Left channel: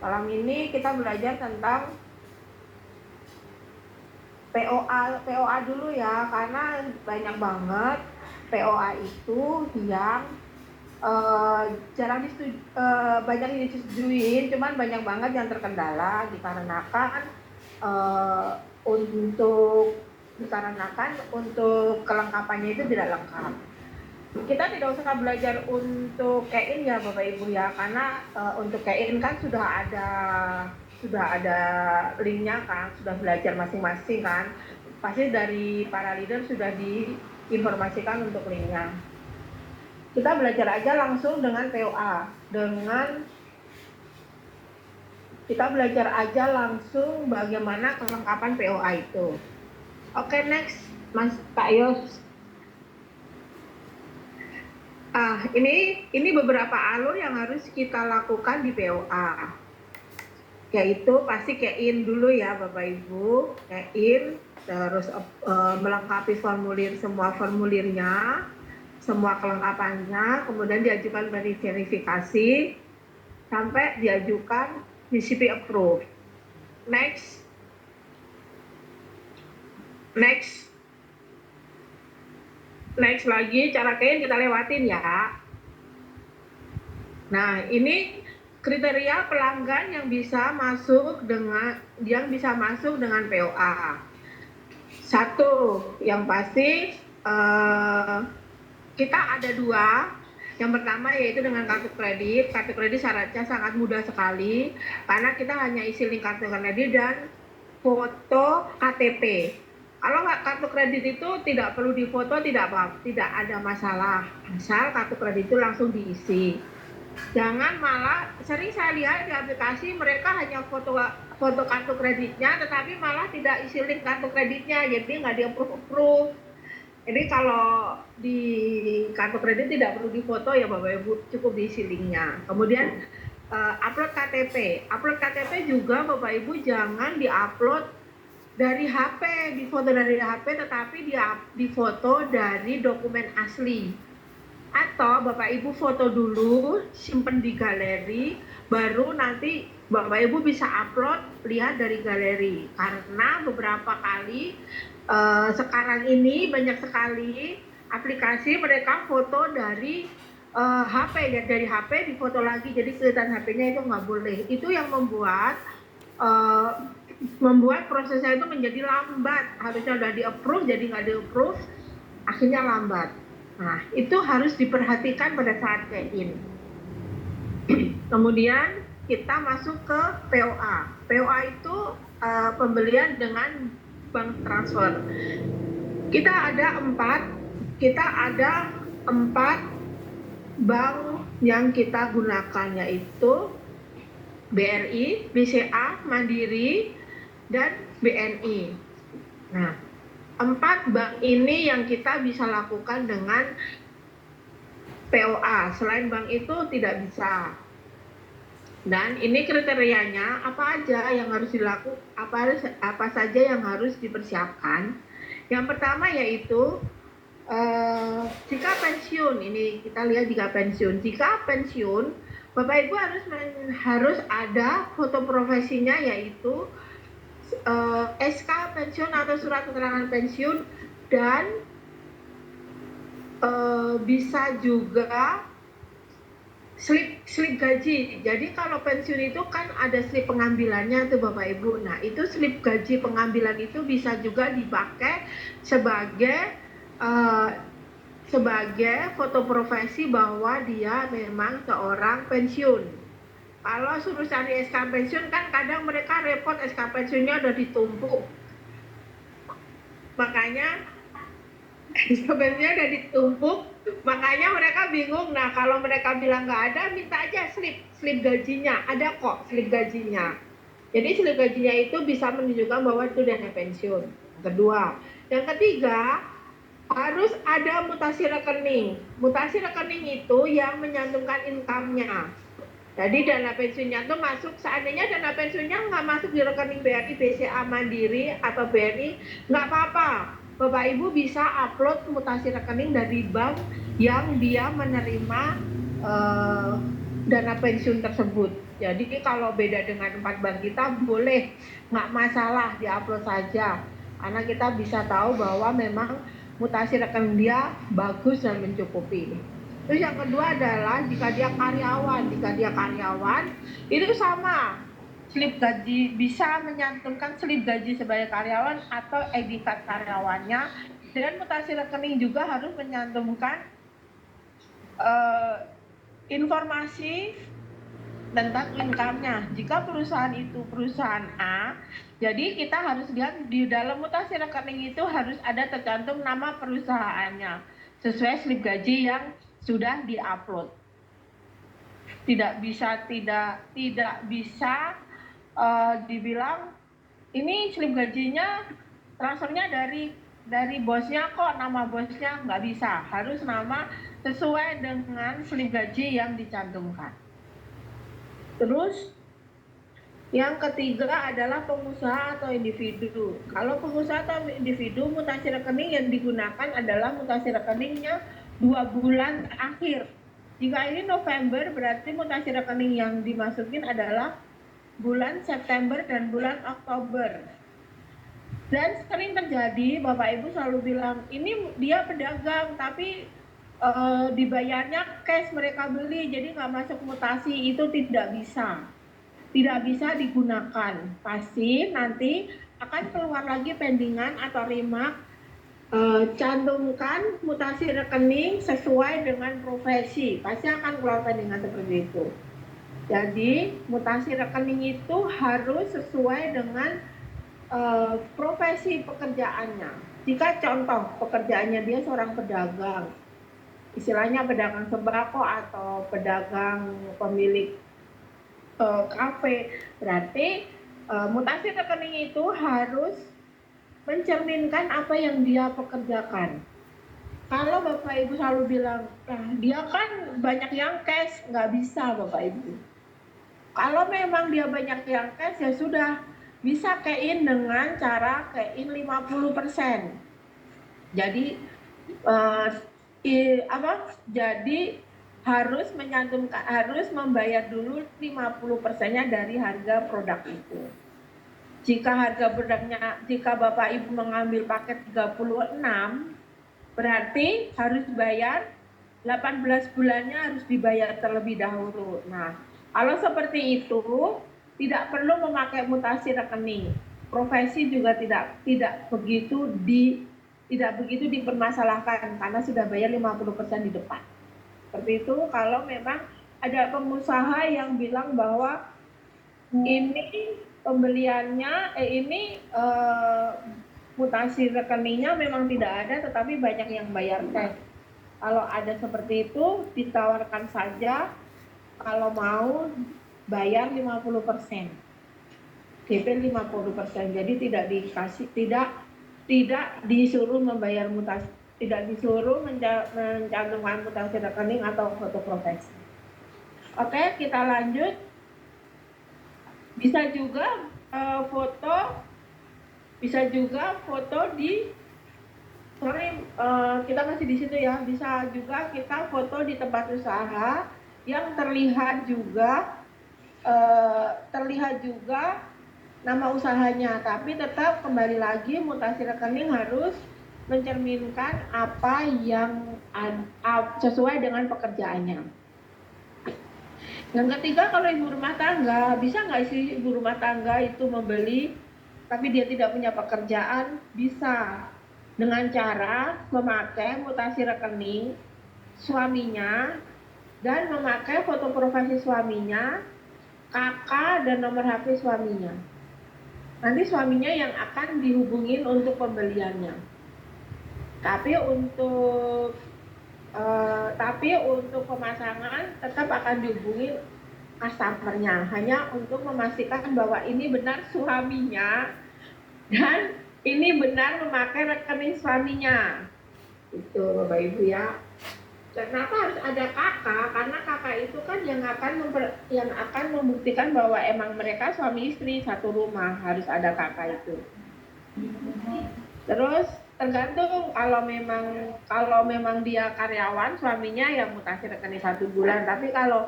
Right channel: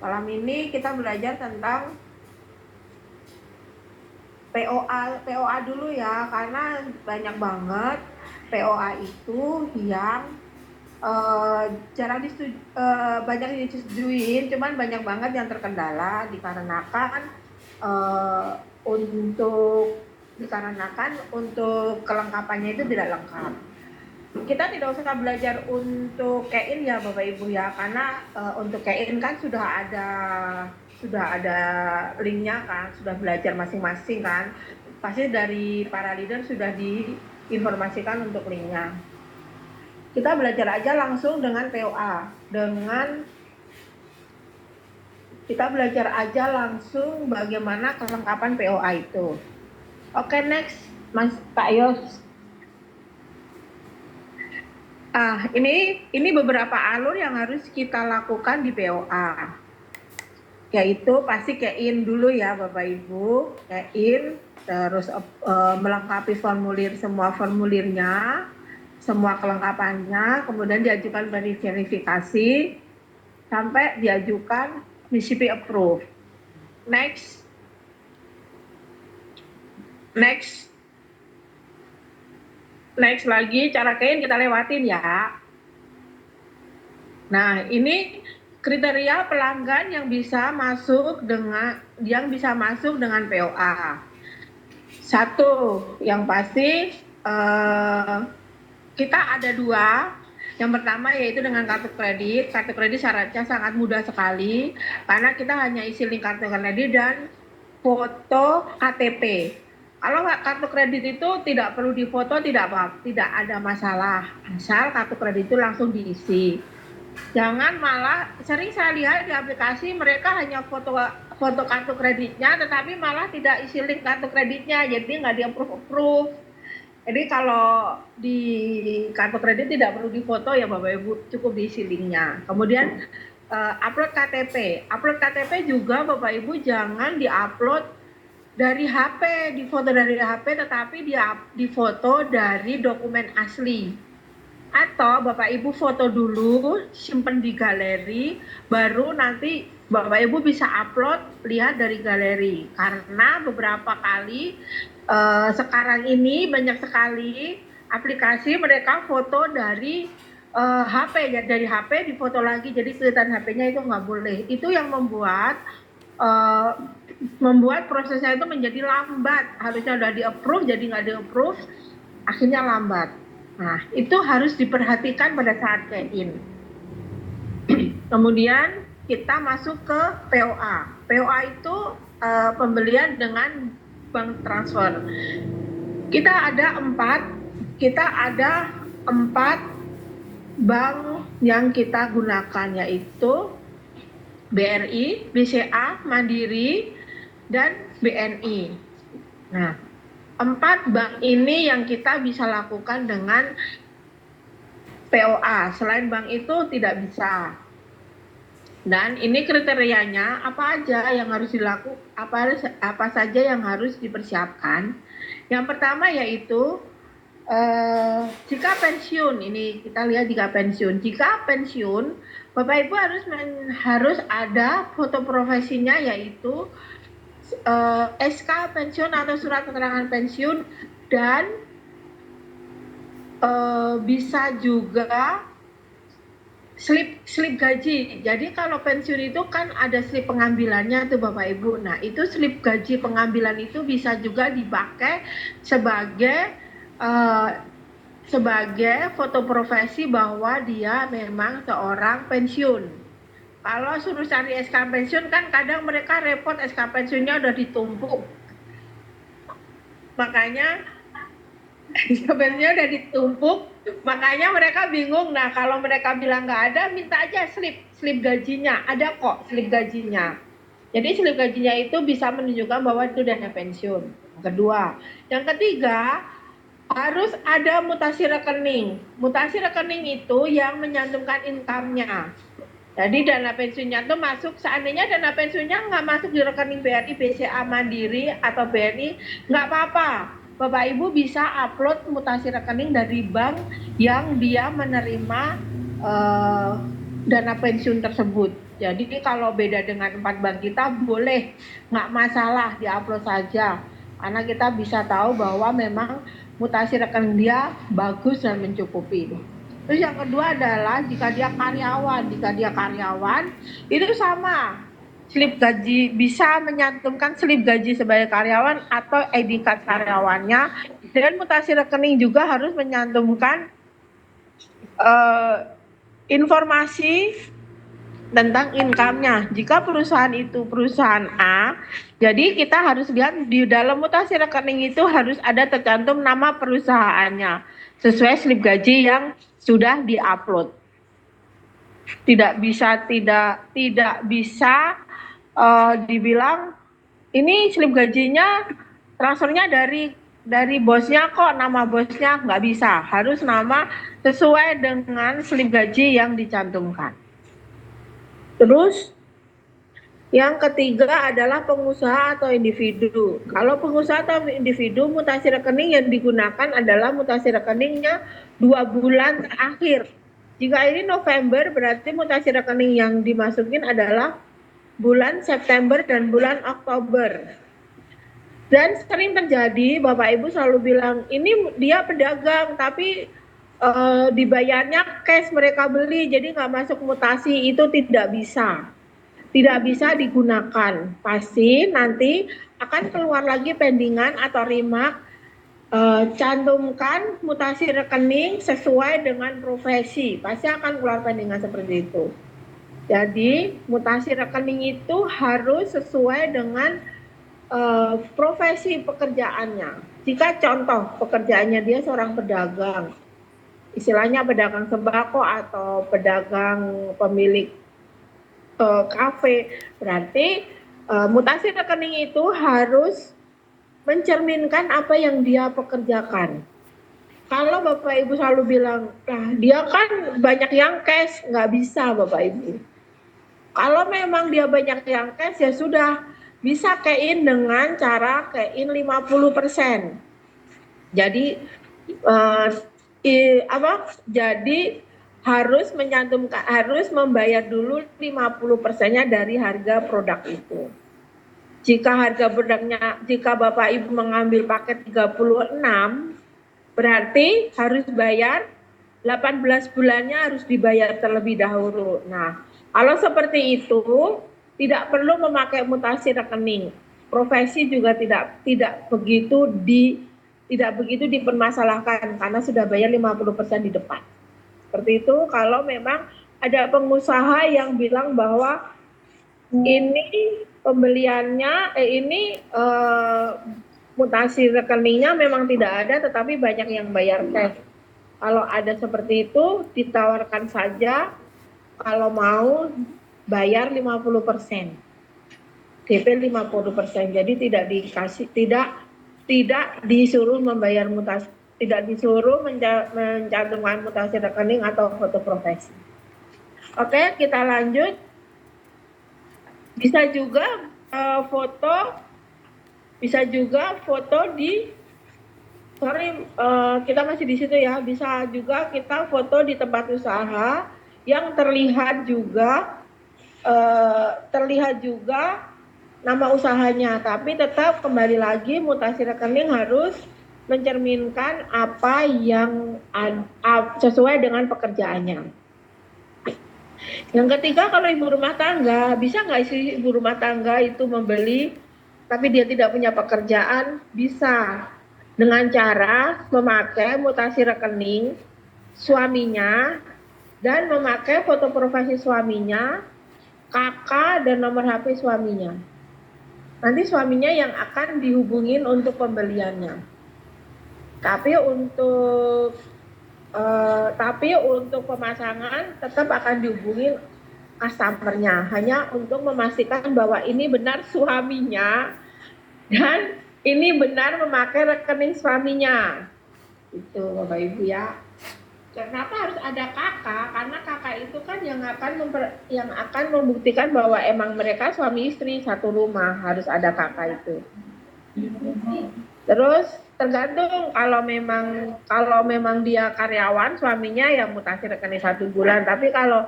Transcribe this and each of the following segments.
Malam ini kita belajar tentang POA dulu ya, karena banyak banget POA itu yang banyak disetujuin, cuman banyak banget yang terkendala dikarenakan uh, untuk kelengkapannya itu tidak lengkap. Kita tidak usah belajar untuk kein ya Bapak Ibu ya, karena untuk kein kan sudah ada linknya kan, sudah belajar masing-masing kan, pasti dari para leader sudah diinformasikan untuk linknya. Kita belajar aja langsung dengan POA, kita belajar aja langsung bagaimana kelengkapan POA itu. Oke, next Mas Pak Yos. Ini beberapa alur yang harus kita lakukan di POA. Yaitu pasti kein dulu ya Bapak Ibu, kein, terus melengkapi semua formulirnya, semua kelengkapannya, kemudian diajukan verifikasi, sampai diajukan DCP approve. Next. Next lagi, cara kein kita lewatin ya. Nah, ini kriteria pelanggan yang bisa masuk dengan POA. Satu, yang pasti kita ada dua. Yang pertama yaitu dengan kartu kredit. Kartu kredit syaratnya sangat mudah sekali, karena kita hanya isi link kartu kredit dan foto KTP. Kalau kartu kredit itu tidak perlu difoto, tidak ada masalah, asal kartu kredit itu langsung diisi. Jangan malah, sering saya lihat di aplikasi mereka hanya foto kartu kreditnya, tetapi malah tidak isi link kartu kreditnya, jadi nggak di-approve. Jadi kalau di kartu kredit tidak perlu difoto ya Bapak Ibu, cukup diisi linknya. Kemudian upload KTP. Upload KTP juga Bapak Ibu jangan diupload dari HP, difoto dari HP, tetapi difoto dari dokumen asli. Atau Bapak Ibu foto dulu, simpen di galeri, baru nanti Bapak Ibu bisa upload, lihat dari galeri. Karena beberapa kali sekarang ini banyak sekali aplikasi mereka foto dari HP ya, dari HP difoto lagi, jadi kelihatan HP-nya itu nggak boleh. Itu yang membuat prosesnya itu menjadi lambat. Harusnya udah di-approve, jadi nggak di-approve, akhirnya lambat. Nah, itu harus diperhatikan pada saat check-in. Kemudian kita masuk ke POA. POA itu pembelian dengan bank transfer. Kita ada empat bank yang kita gunakan, yaitu BRI, BCA, Mandiri, dan BNI. Nah, 4 bank ini yang kita bisa lakukan dengan POA. Selain bank itu tidak bisa. Dan ini kriterianya apa aja yang harus dilakukan, apa saja yang harus dipersiapkan. Yang pertama yaitu jika pensiun, ini kita lihat jika pensiun, Bapak Ibu harus ada foto profesinya, yaitu SK pensiun atau surat keterangan pensiun, dan bisa juga slip gaji. Jadi kalau pensiun itu kan ada slip pengambilannya tuh Bapak Ibu. Nah, itu slip gaji pengambilan itu bisa juga dipakai sebagai foto profesi bahwa dia memang seorang pensiun. Kalau suruh cari SK pensiun kan kadang mereka repot, SK pensiunnya udah ditumpuk. Makanya SK pensiunnya udah ditumpuk, makanya mereka bingung. Nah, kalau mereka bilang nggak ada, minta aja slip gajinya. Ada kok slip gajinya. Jadi slip gajinya itu bisa menunjukkan bahwa itu dana pensiun. Yang ketiga, harus ada mutasi rekening. Mutasi rekening itu yang menyantumkan income-nya. Jadi dana pensiunnya itu masuk, seandainya dana pensiunnya nggak masuk di rekening BRI, BCA, Mandiri, atau BNI, nggak apa-apa. Bapak Ibu bisa upload mutasi rekening dari bank yang dia menerima dana pensiun tersebut. Jadi kalau beda dengan 4 bank kita boleh, nggak masalah di-upload saja. Karena kita bisa tahu bahwa memang mutasi rekening dia bagus dan mencukupi. Terus yang kedua adalah jika dia karyawan itu sama. Slip gaji bisa menyantumkan slip gaji sebagai karyawan atau ID card karyawannya, dan mutasi rekening juga harus menyantumkan informasi tentang income-nya. Jika perusahaan itu perusahaan A, jadi kita harus lihat di dalam mutasi rekening itu harus ada tercantum nama perusahaannya sesuai slip gaji yang sudah diupload. Tidak bisa dibilang ini slip gajinya transfernya dari bosnya kok, nama bosnya, nggak bisa, harus nama sesuai dengan slip gaji yang dicantumkan. Terus yang ketiga adalah pengusaha atau individu. Kalau pengusaha atau individu, mutasi rekening yang digunakan adalah mutasi rekeningnya 2 bulan terakhir. Jika ini November, berarti mutasi rekening yang dimasukin adalah bulan September dan bulan Oktober. Dan sering terjadi, Bapak Ibu selalu bilang, ini dia pedagang, tapi dibayarnya cash mereka beli, jadi nggak masuk mutasi. Itu tidak bisa digunakan. Pasti nanti akan keluar lagi pendingan atau remark, cantumkan mutasi rekening sesuai dengan profesi. Pasti akan keluar pendingan seperti itu. Jadi mutasi rekening itu harus sesuai dengan profesi pekerjaannya. Jika contoh pekerjaannya dia seorang pedagang, istilahnya pedagang sembako atau pedagang pemilik kafe, berarti mutasi rekening itu harus mencerminkan apa yang dia pekerjakan. Kalau Bapak Ibu selalu bilang, dia kan banyak yang cash, nggak bisa Bapak Ibu. Kalau memang dia banyak yang cash, ya sudah, bisa key-in dengan cara key-in 50%. Jadi jadi harus menyantumkan, harus membayar dulu 50%-nya dari harga produk itu. Jika harga produknya, jika Bapak Ibu mengambil paket 36, berarti harus bayar 18 bulannya harus dibayar terlebih dahulu. Nah, kalau seperti itu tidak perlu memakai mutasi rekening. Profesi juga tidak begitu dipermasalahkan karena sudah bayar 50% di depan. Seperti itu kalau memang ada pengusaha yang bilang bahwa ini pembeliannya mutasi rekeningnya memang tidak ada, tetapi banyak yang bayar cash. Kalau ada seperti itu, ditawarkan saja kalau mau bayar 50%. DP 50%. Jadi tidak disuruh membayar mutasi, tidak disuruh mencantumkan mutasi rekening atau foto profesi. Oke, kita lanjut. Bisa juga foto kita masih di situ ya. Bisa juga kita foto di tempat usaha yang terlihat juga nama usahanya, tapi tetap kembali lagi mutasi rekening harus mencerminkan apa yang sesuai dengan pekerjaannya. Yang ketiga, kalau ibu rumah tangga, bisa nggak sih ibu rumah tangga itu membeli tapi dia tidak punya pekerjaan? Bisa, dengan cara memakai mutasi rekening suaminya dan memakai foto profesi suaminya, KK dan nomor HP suaminya. Nanti suaminya yang akan dihubungin untuk pembeliannya. Tapi untuk pemasangan tetap akan dihubungi customer-nya, hanya untuk memastikan bahwa ini benar suaminya dan ini benar memakai rekening suaminya. Itu Bapak Ibu ya. Kenapa harus ada kakak? Karena kakak itu kan yang akan membuktikan bahwa emang mereka suami istri satu rumah, harus ada kakak itu. Terus Tergantung, kalau memang dia karyawan, suaminya yang mutasi rekening 1 bulan. Tapi kalau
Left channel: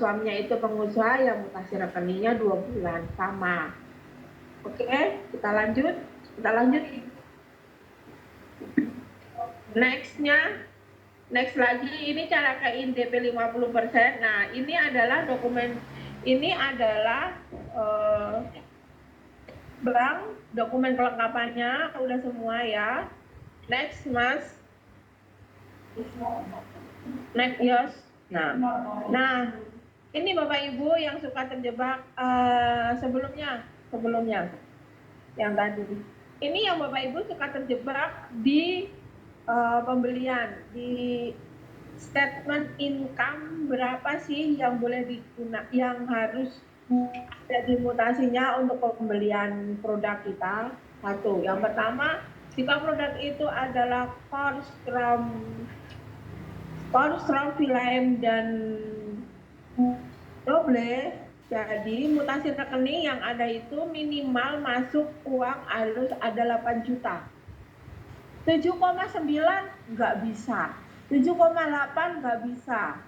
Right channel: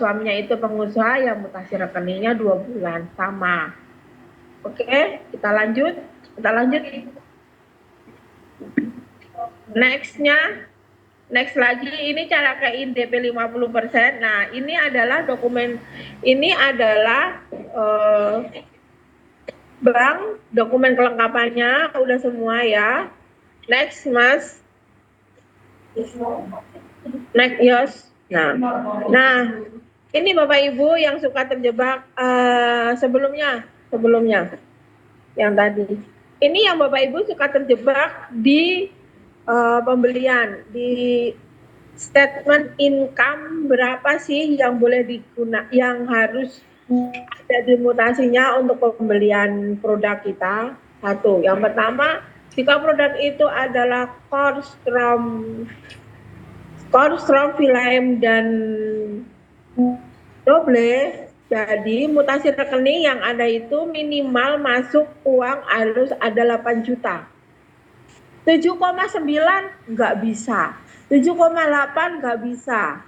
suaminya itu pengusaha, yang mutasi rekeningnya 2 bulan sama. Oke, kita lanjut. Next lagi, ini cara ke-in DP 50%. Nah, ini adalah dokumen, ini adalah bank, dokumen kelengkapannya udah semua ya. Next, Mas. Next, Yos. Nah, ini Bapak Ibu yang suka terjebak sebelumnya yang tadi. Ini yang Bapak Ibu suka terjebak di pembelian, di statement income berapa sih yang boleh digunakan, yang harus ada di mutasinya untuk pembelian produk kita. Satu, yang pertama, jika produk itu adalah Korstrom, Vilem, dan Doble, jadi mutasi rekening yang ada itu minimal masuk uang harus ada 8 juta. 7,9 nggak bisa, 7,8 nggak bisa.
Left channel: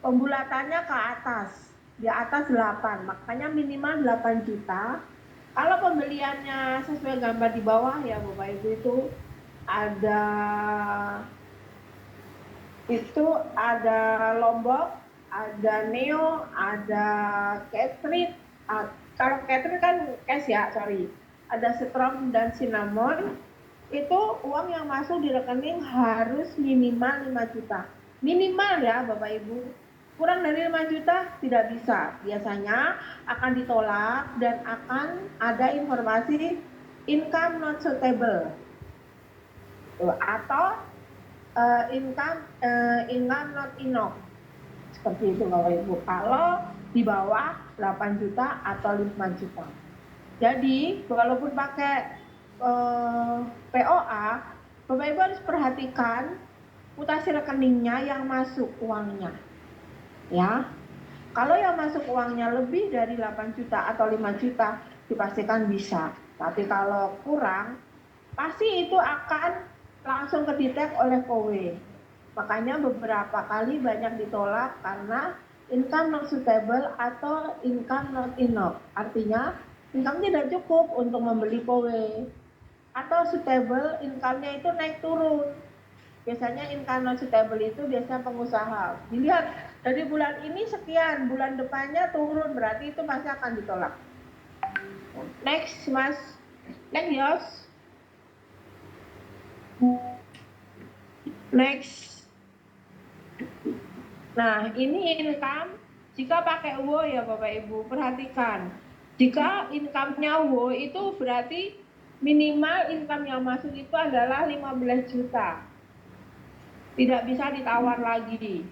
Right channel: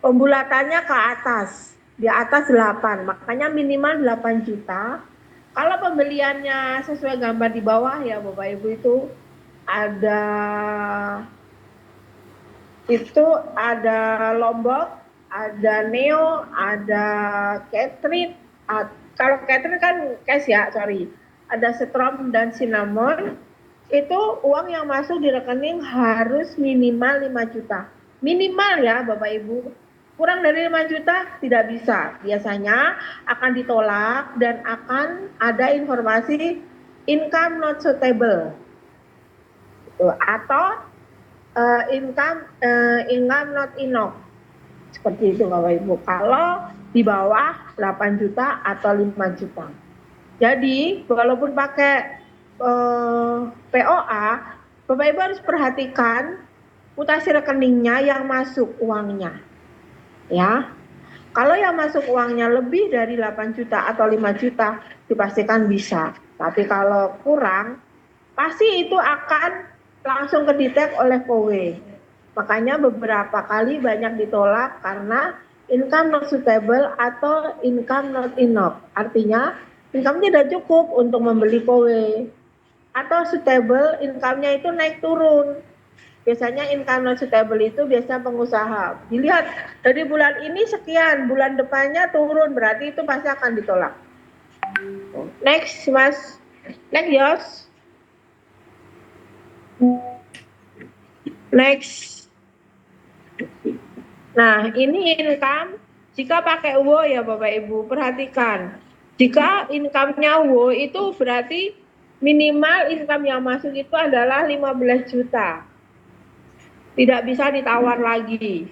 Pembulatannya ke atas, di atas 8, makanya minimal 8 juta. Kalau pembeliannya sesuai gambar di bawah ya Bapak Ibu, itu ada Lombok, ada Neo, ada Catherine. Kalau Catherine kan cash ya, sorry. Ada Strom dan Cinnamon. Itu uang yang masuk di rekening harus minimal 5 juta. Minimal ya Bapak Ibu. Kurang dari 5 juta tidak bisa. Biasanya akan ditolak dan akan ada informasi income not suitable. Atau income not enough. Seperti itu Bapak Ibu. Kalau di bawah 8 juta atau 5 juta. Jadi walaupun pakai POA, Bapak Ibu harus perhatikan mutasi rekeningnya yang masuk uangnya. Ya. Kalau yang masuk uangnya lebih dari 8 juta atau 5 juta, dipastikan bisa. Tapi kalau kurang, pasti itu akan langsung kedetek oleh KOWE. Makanya beberapa kali banyak ditolak karena income not suitable atau income not enough. Artinya income tidak cukup untuk membeli KOWE. Atau suitable, income-nya itu naik turun. Biasanya income not suitable itu biasa pengusaha. Dilihat dari bulan ini sekian, bulan depannya turun, berarti itu pasti akan ditolak. Next, Mas. Next, Yos. Next. Nah, ini income. Jika pakai WO ya Bapak Ibu, perhatikan. Jika income-nya WO itu berarti minimal income yang masuk itu adalah 15 juta. Tidak bisa ditawar lagi.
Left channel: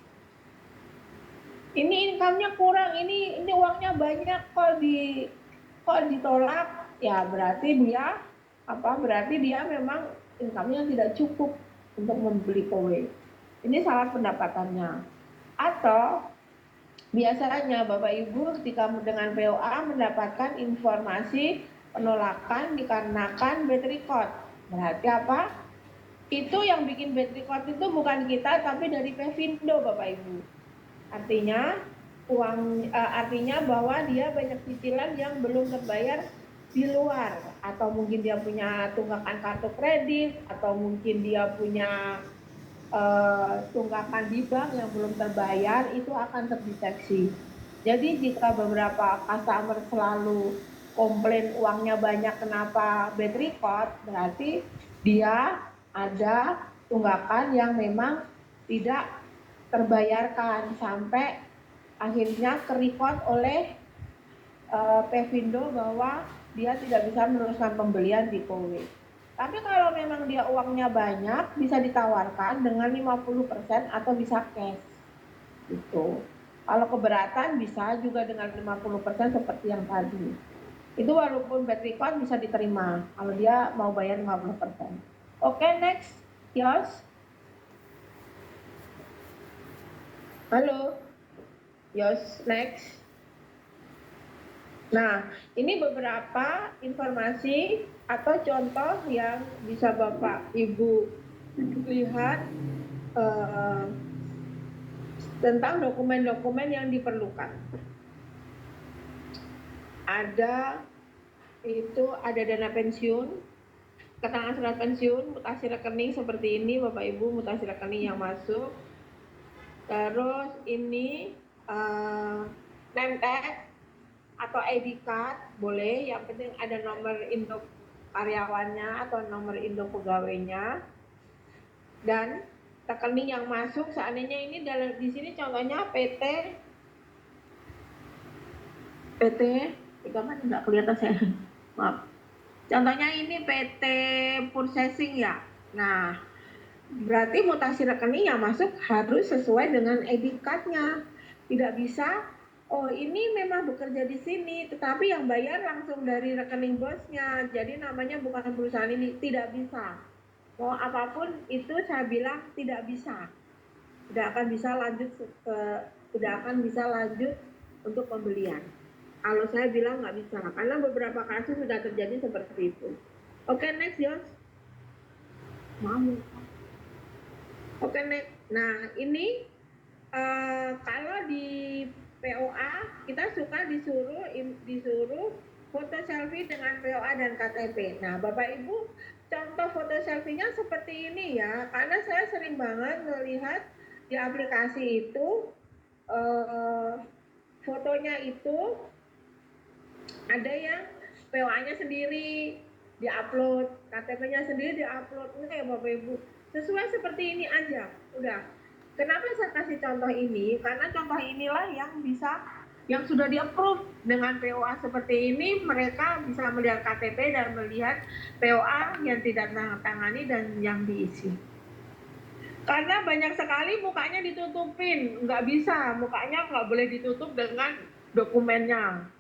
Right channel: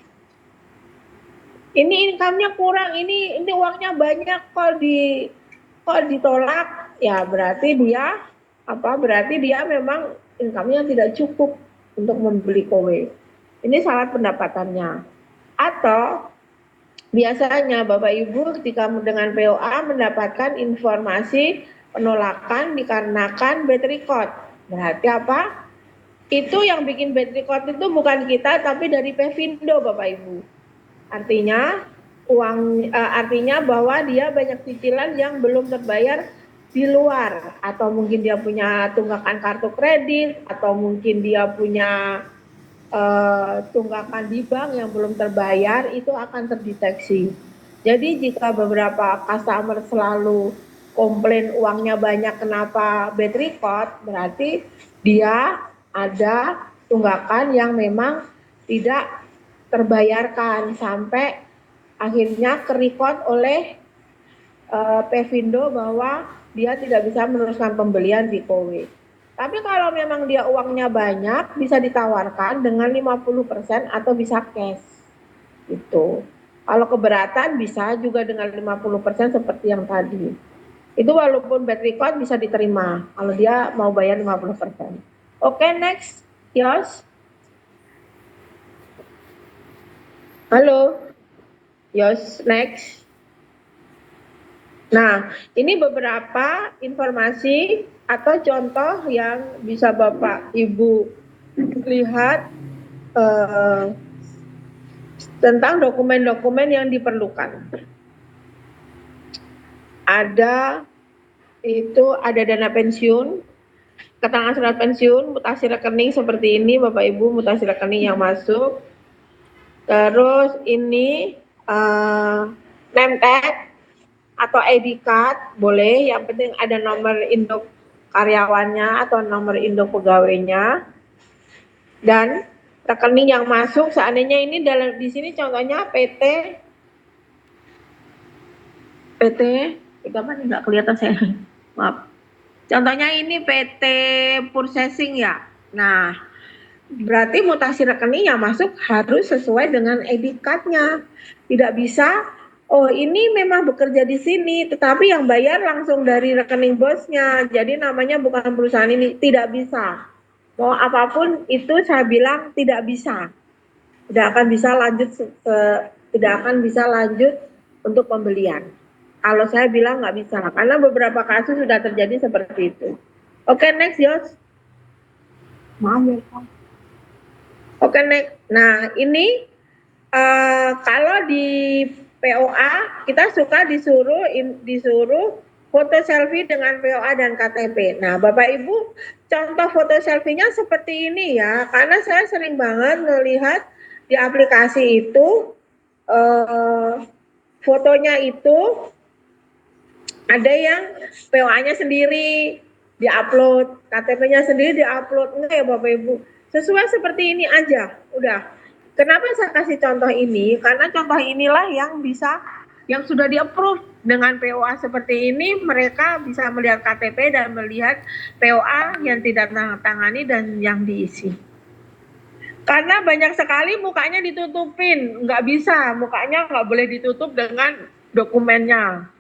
Ini income-nya kurang, ini uangnya banyak kok ditolak, ya berarti dia memang income-nya tidak cukup untuk membeli KOWE. Ini salah pendapatannya. Atau biasanya Bapak Ibu ketika dengan POA mendapatkan informasi penolakan dikarenakan bad record. Berarti apa? Itu yang bikin bad record itu bukan kita tapi dari Pevindo Bapak Ibu. Artinya bahwa dia banyak cicilan yang belum terbayar di luar, atau mungkin dia punya tunggakan kartu kredit, atau mungkin dia punya tunggakan di bank yang belum terbayar, itu akan terdeteksi. Jadi jika beberapa customer selalu komplain uangnya banyak kenapa bad record, berarti dia ada tunggakan yang memang tidak terbayarkan sampai akhirnya ke-record oleh Pevindo bahwa dia tidak bisa meneruskan pembelian di KOWE. Tapi kalau memang dia uangnya banyak, bisa ditawarkan dengan 50% atau bisa cash. Gitu. Kalau keberatan bisa juga dengan 50% seperti yang tadi. Itu walaupun bad record bisa diterima kalau dia mau bayar 50%. Oke, next. Yos. Halo. Yos, next. Nah, ini beberapa informasi atau contoh yang bisa Bapak Ibu lihat tentang dokumen-dokumen yang diperlukan. Ada dana pensiun, keterangan surat pensiun, mutasi rekening seperti ini Bapak Ibu, mutasi rekening yang masuk. Terus ini name tag atau ID card boleh, yang penting ada nomor induk karyawannya atau nomor induk pegawainya. Dan rekening yang masuk seandainya ini di sini contohnya PT mana nggak kelihatan saya, maaf. Contohnya ini PT Processing ya. Nah, berarti mutasi rekening yang masuk harus sesuai dengan ID card-nya. Tidak bisa, oh ini memang bekerja di sini, tetapi yang bayar langsung dari rekening bosnya. Jadi namanya bukan perusahaan ini, tidak bisa. Mau apapun itu saya bilang tidak bisa. Tidak akan bisa lanjut untuk pembelian. Kalau saya bilang nggak bisa, karena beberapa kasus sudah terjadi seperti itu. Oke, next, Yos. Maaf ya, Pak. Oke, next. Nah, ini kalau di POA kita suka disuruh foto selfie dengan POA dan KTP. Nah, Bapak Ibu, contoh foto selfie-nya seperti ini ya, karena saya sering banget melihat di aplikasi itu fotonya itu ada yang POA-nya sendiri diupload, KTP-nya sendiri diupload. Enggak ya Bapak Ibu, sesuai seperti ini aja udah. Kenapa saya kasih contoh ini? Karena contoh inilah yang sudah di-approve dengan POA seperti ini, mereka bisa melihat KTP dan melihat POA yang tidak tangani dan yang diisi. Karena banyak sekali mukanya ditutupin, nggak bisa, mukanya nggak boleh ditutup dengan dokumennya.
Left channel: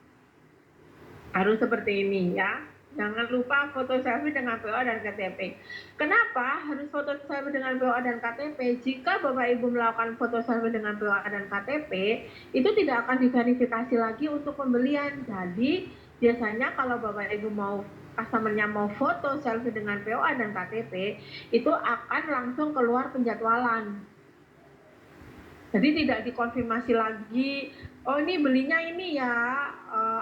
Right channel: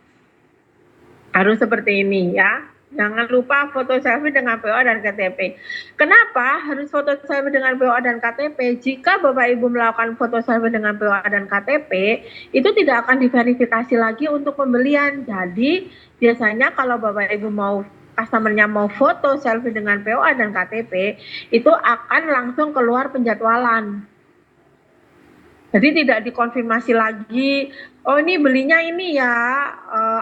Harus seperti ini ya. Jangan lupa foto selfie dengan POA dan KTP. Kenapa harus foto selfie dengan POA dan KTP? Jika Bapak Ibu melakukan foto selfie dengan POA dan KTP, itu tidak akan diverifikasi lagi untuk pembelian. Jadi biasanya kalau Bapak Ibu mau customer-nya mau foto selfie dengan POA dan KTP, itu akan langsung keluar penjadwalan. Jadi tidak dikonfirmasi lagi, oh ini belinya ini ya,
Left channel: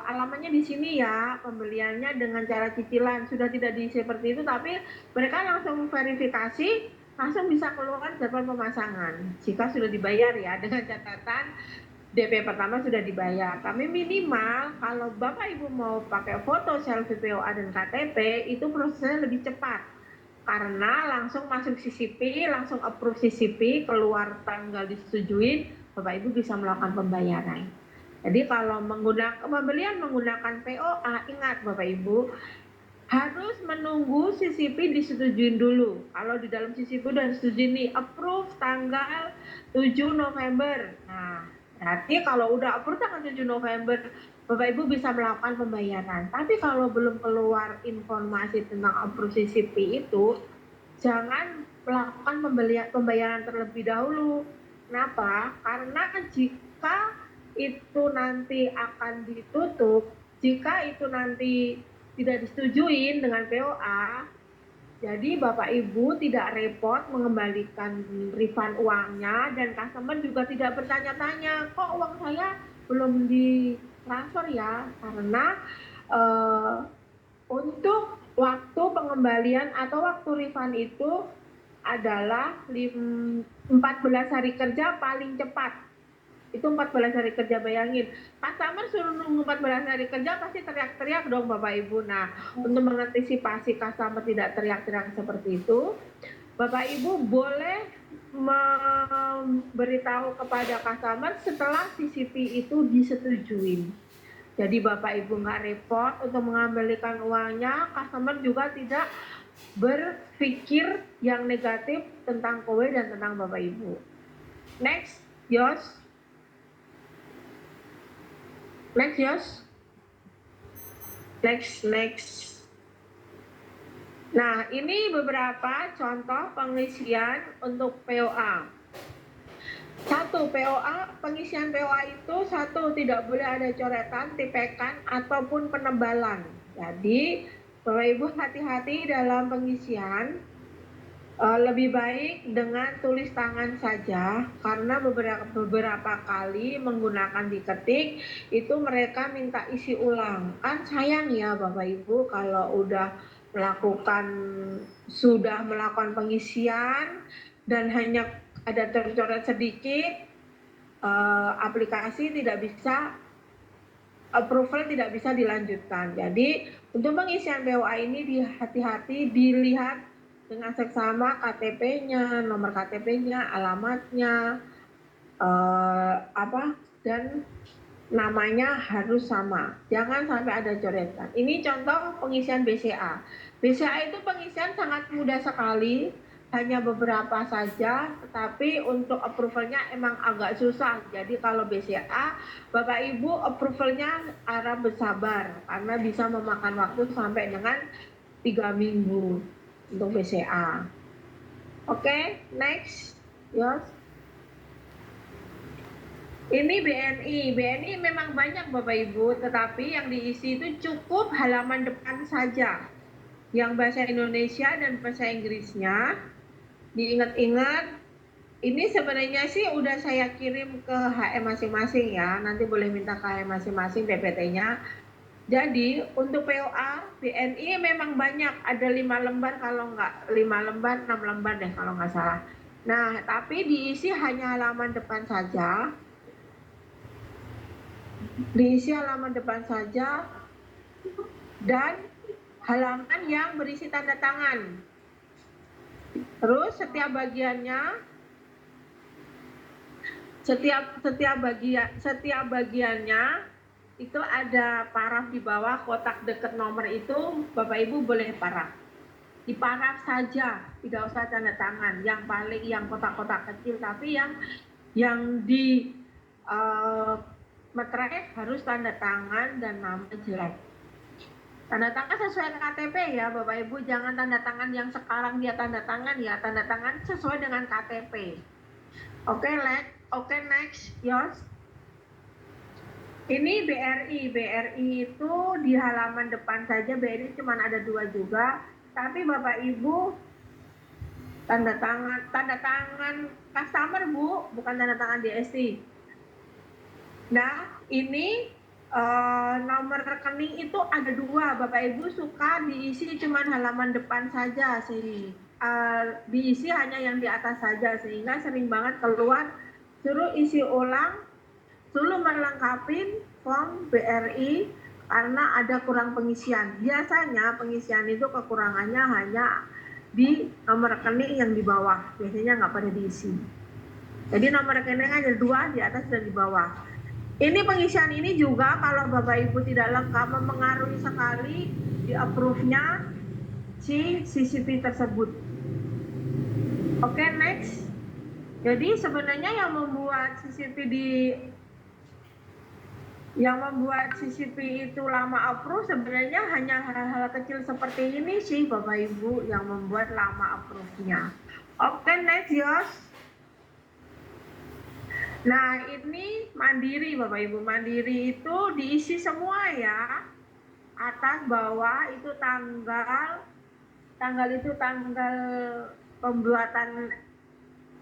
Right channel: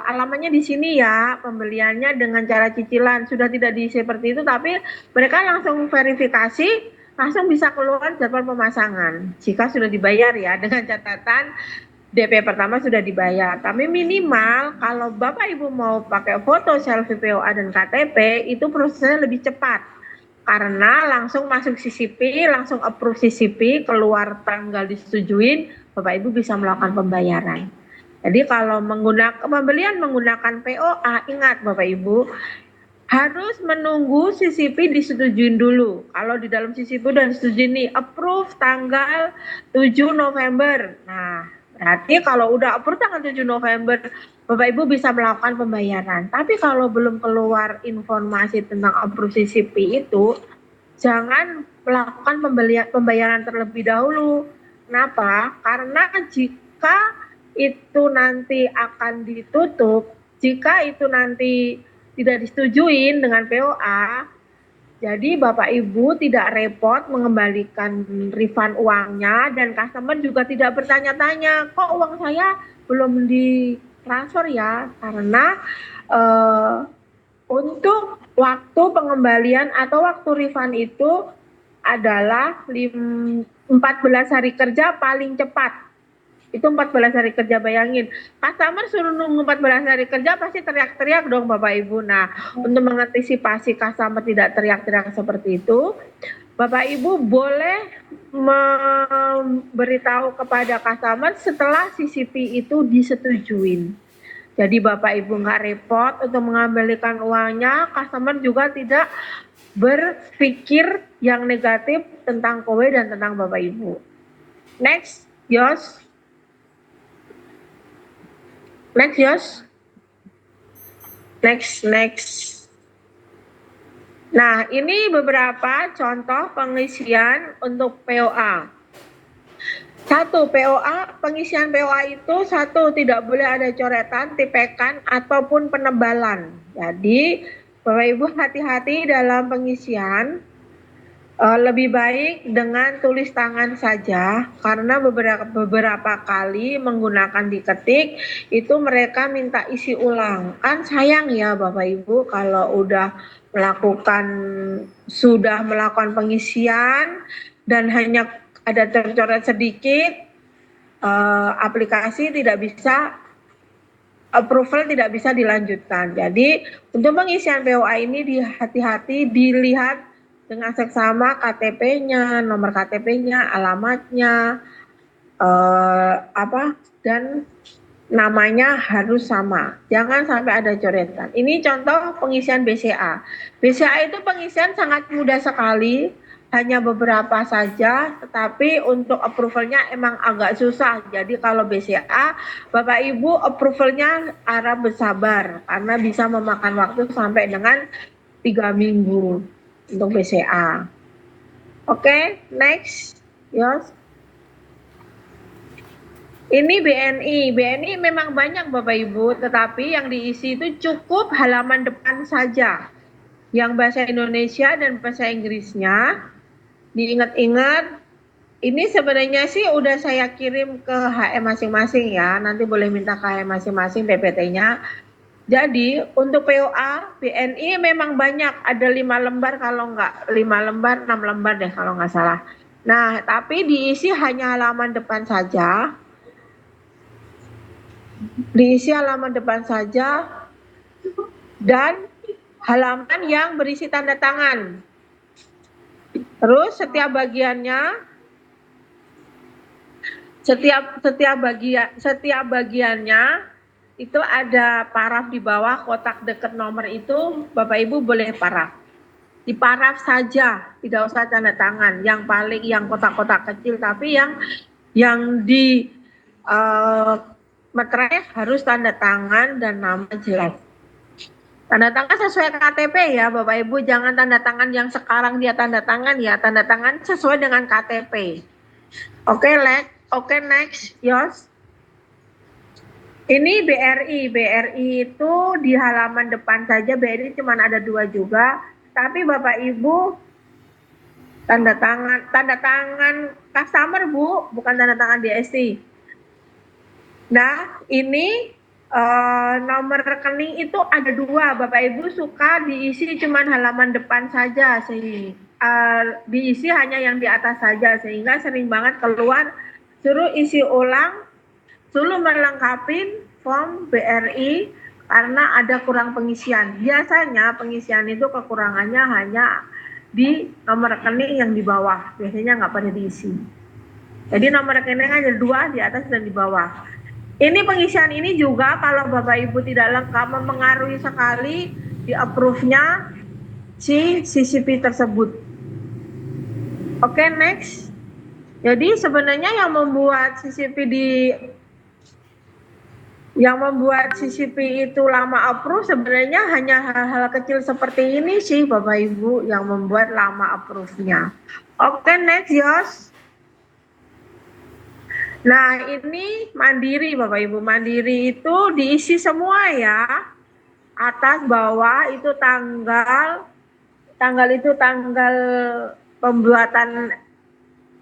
alamatnya di sini ya, pembeliannya dengan cara cicilan, sudah tidak seperti itu, tapi mereka langsung verifikasi, langsung bisa keluar jadwal pemasangan. Jika sudah dibayar ya, dengan catatan DP pertama sudah dibayar. Tapi minimal kalau Bapak Ibu mau pakai foto selfie POA dan KTP, itu prosesnya lebih cepat. Karena langsung masuk CCP, langsung approve CCP, keluar tanggal disetujuin, Bapak Ibu bisa melakukan pembayaran. Jadi kalau pembelian menggunakan POA, ingat Bapak Ibu, harus menunggu CCP disetujuin dulu. Kalau di dalam CCP dan disetujui nih, approve tanggal 7 November. Nah, berarti kalau udah approve tanggal 7 November, Bapak Ibu bisa melakukan pembayaran. Tapi kalau belum keluar informasi tentang approve CCP itu, jangan melakukan pembayaran terlebih dahulu. Kenapa? Karena jika itu nanti akan ditutup, jika itu nanti tidak disetujuin dengan POA, jadi Bapak Ibu tidak repot mengembalikan refund uangnya dan customer juga tidak bertanya-tanya, kok uang saya belum ditransfer ya? Karena untuk waktu pengembalian atau waktu refund itu adalah 14 hari kerja paling cepat. Itu 14 hari kerja, bayangin. Customer suruh nunggu 14 hari kerja pasti teriak-teriak dong Bapak Ibu. Nah, untuk mengantisipasi customer tidak teriak-teriak seperti itu, Bapak Ibu boleh memberitahu kepada customer setelah CCP itu disetujuin. Jadi Bapak Ibu nggak repot untuk mengembalikan uangnya, customer juga tidak berpikir yang negatif tentang kowe dan tentang Bapak Ibu. Next, Yos. Next, Yos. Next. Nah, ini beberapa contoh pengisian untuk POA. Satu, POA, pengisian POA itu satu, tidak boleh ada coretan, tipekan, ataupun penebalan. Jadi, Bapak Ibu hati-hati dalam pengisian, lebih baik dengan tulis tangan saja, karena beberapa kali menggunakan diketik, itu mereka minta isi ulang. Kan sayang ya Bapak Ibu kalau sudah melakukan pengisian, dan hanya ada tercoret sedikit, aplikasi tidak bisa approval, tidak bisa dilanjutkan. Jadi untuk pengisian POA ini hati-hati dilihat dengan seksama KTP-nya, nomor KTP-nya, alamatnya, dan namanya harus sama. Jangan sampai ada coretan. Ini contoh pengisian BCA. BCA itu pengisian sangat mudah sekali, hanya beberapa saja, tetapi untuk approvalnya emang agak susah. Jadi kalau BCA, Bapak Ibu approvalnya harap bersabar, karena bisa memakan waktu sampai dengan 3 minggu untuk BCA. Oke, next. Yes. Ini BNI. BNI memang banyak Bapak Ibu, tetapi yang diisi itu cukup halaman depan saja. Yang bahasa Indonesia dan bahasa Inggrisnya diingat-ingat. Ini sebenarnya sih udah saya kirim ke HM masing-masing ya. Nanti boleh minta ke HM masing-masing PPT-nya. Jadi untuk POA BNI memang banyak, ada 5 lembar kalau enggak 5 lembar, 6 lembar deh kalau nggak salah. Nah, tapi diisi hanya halaman depan saja. Diisi halaman depan saja dan halaman yang berisi tanda tangan. Terus setiap bagiannya itu ada paraf di bawah, kotak dekat nomor itu Bapak Ibu boleh paraf. Di paraf saja, tidak usah tanda tangan. Yang kotak-kotak kecil, tapi yang di materai harus tanda tangan dan nama jelas. Tanda tangan sesuai KTP ya Bapak Ibu, jangan tanda tangan yang sekarang dia tanda tangan ya, tanda tangan sesuai dengan KTP. Oke, next, Yos. Ini BRI. BRI itu di halaman depan saja, BRI cuma ada 2 juga, tapi Bapak Ibu tanda tangan customer Bu, bukan tanda tangan DST. Nah, ini nomor rekening itu ada 2, Bapak Ibu suka diisi cuma halaman depan saja, diisi hanya yang di atas saja, sehingga sering banget keluar suruh isi ulang, suruh melengkapi form BRI karena ada kurang pengisian. Biasanya pengisian itu kekurangannya hanya di nomor rekening yang di bawah, biasanya nggak pada diisi. Jadi nomor rekening ada 2, di atas dan di bawah. Ini pengisian ini juga kalau Bapak Ibu tidak lengkap mempengaruhi sekali di approve-nya si CCP tersebut. Oke, next. Jadi sebenarnya yang membuat CCP itu lama approve sebenarnya hanya hal-hal kecil seperti ini sih Bapak Ibu yang membuat lama approve-nya. Oke, next, Yos. Nah, ini Mandiri Bapak Ibu. Mandiri itu diisi semua ya. Atas bawah itu tanggal pembuatan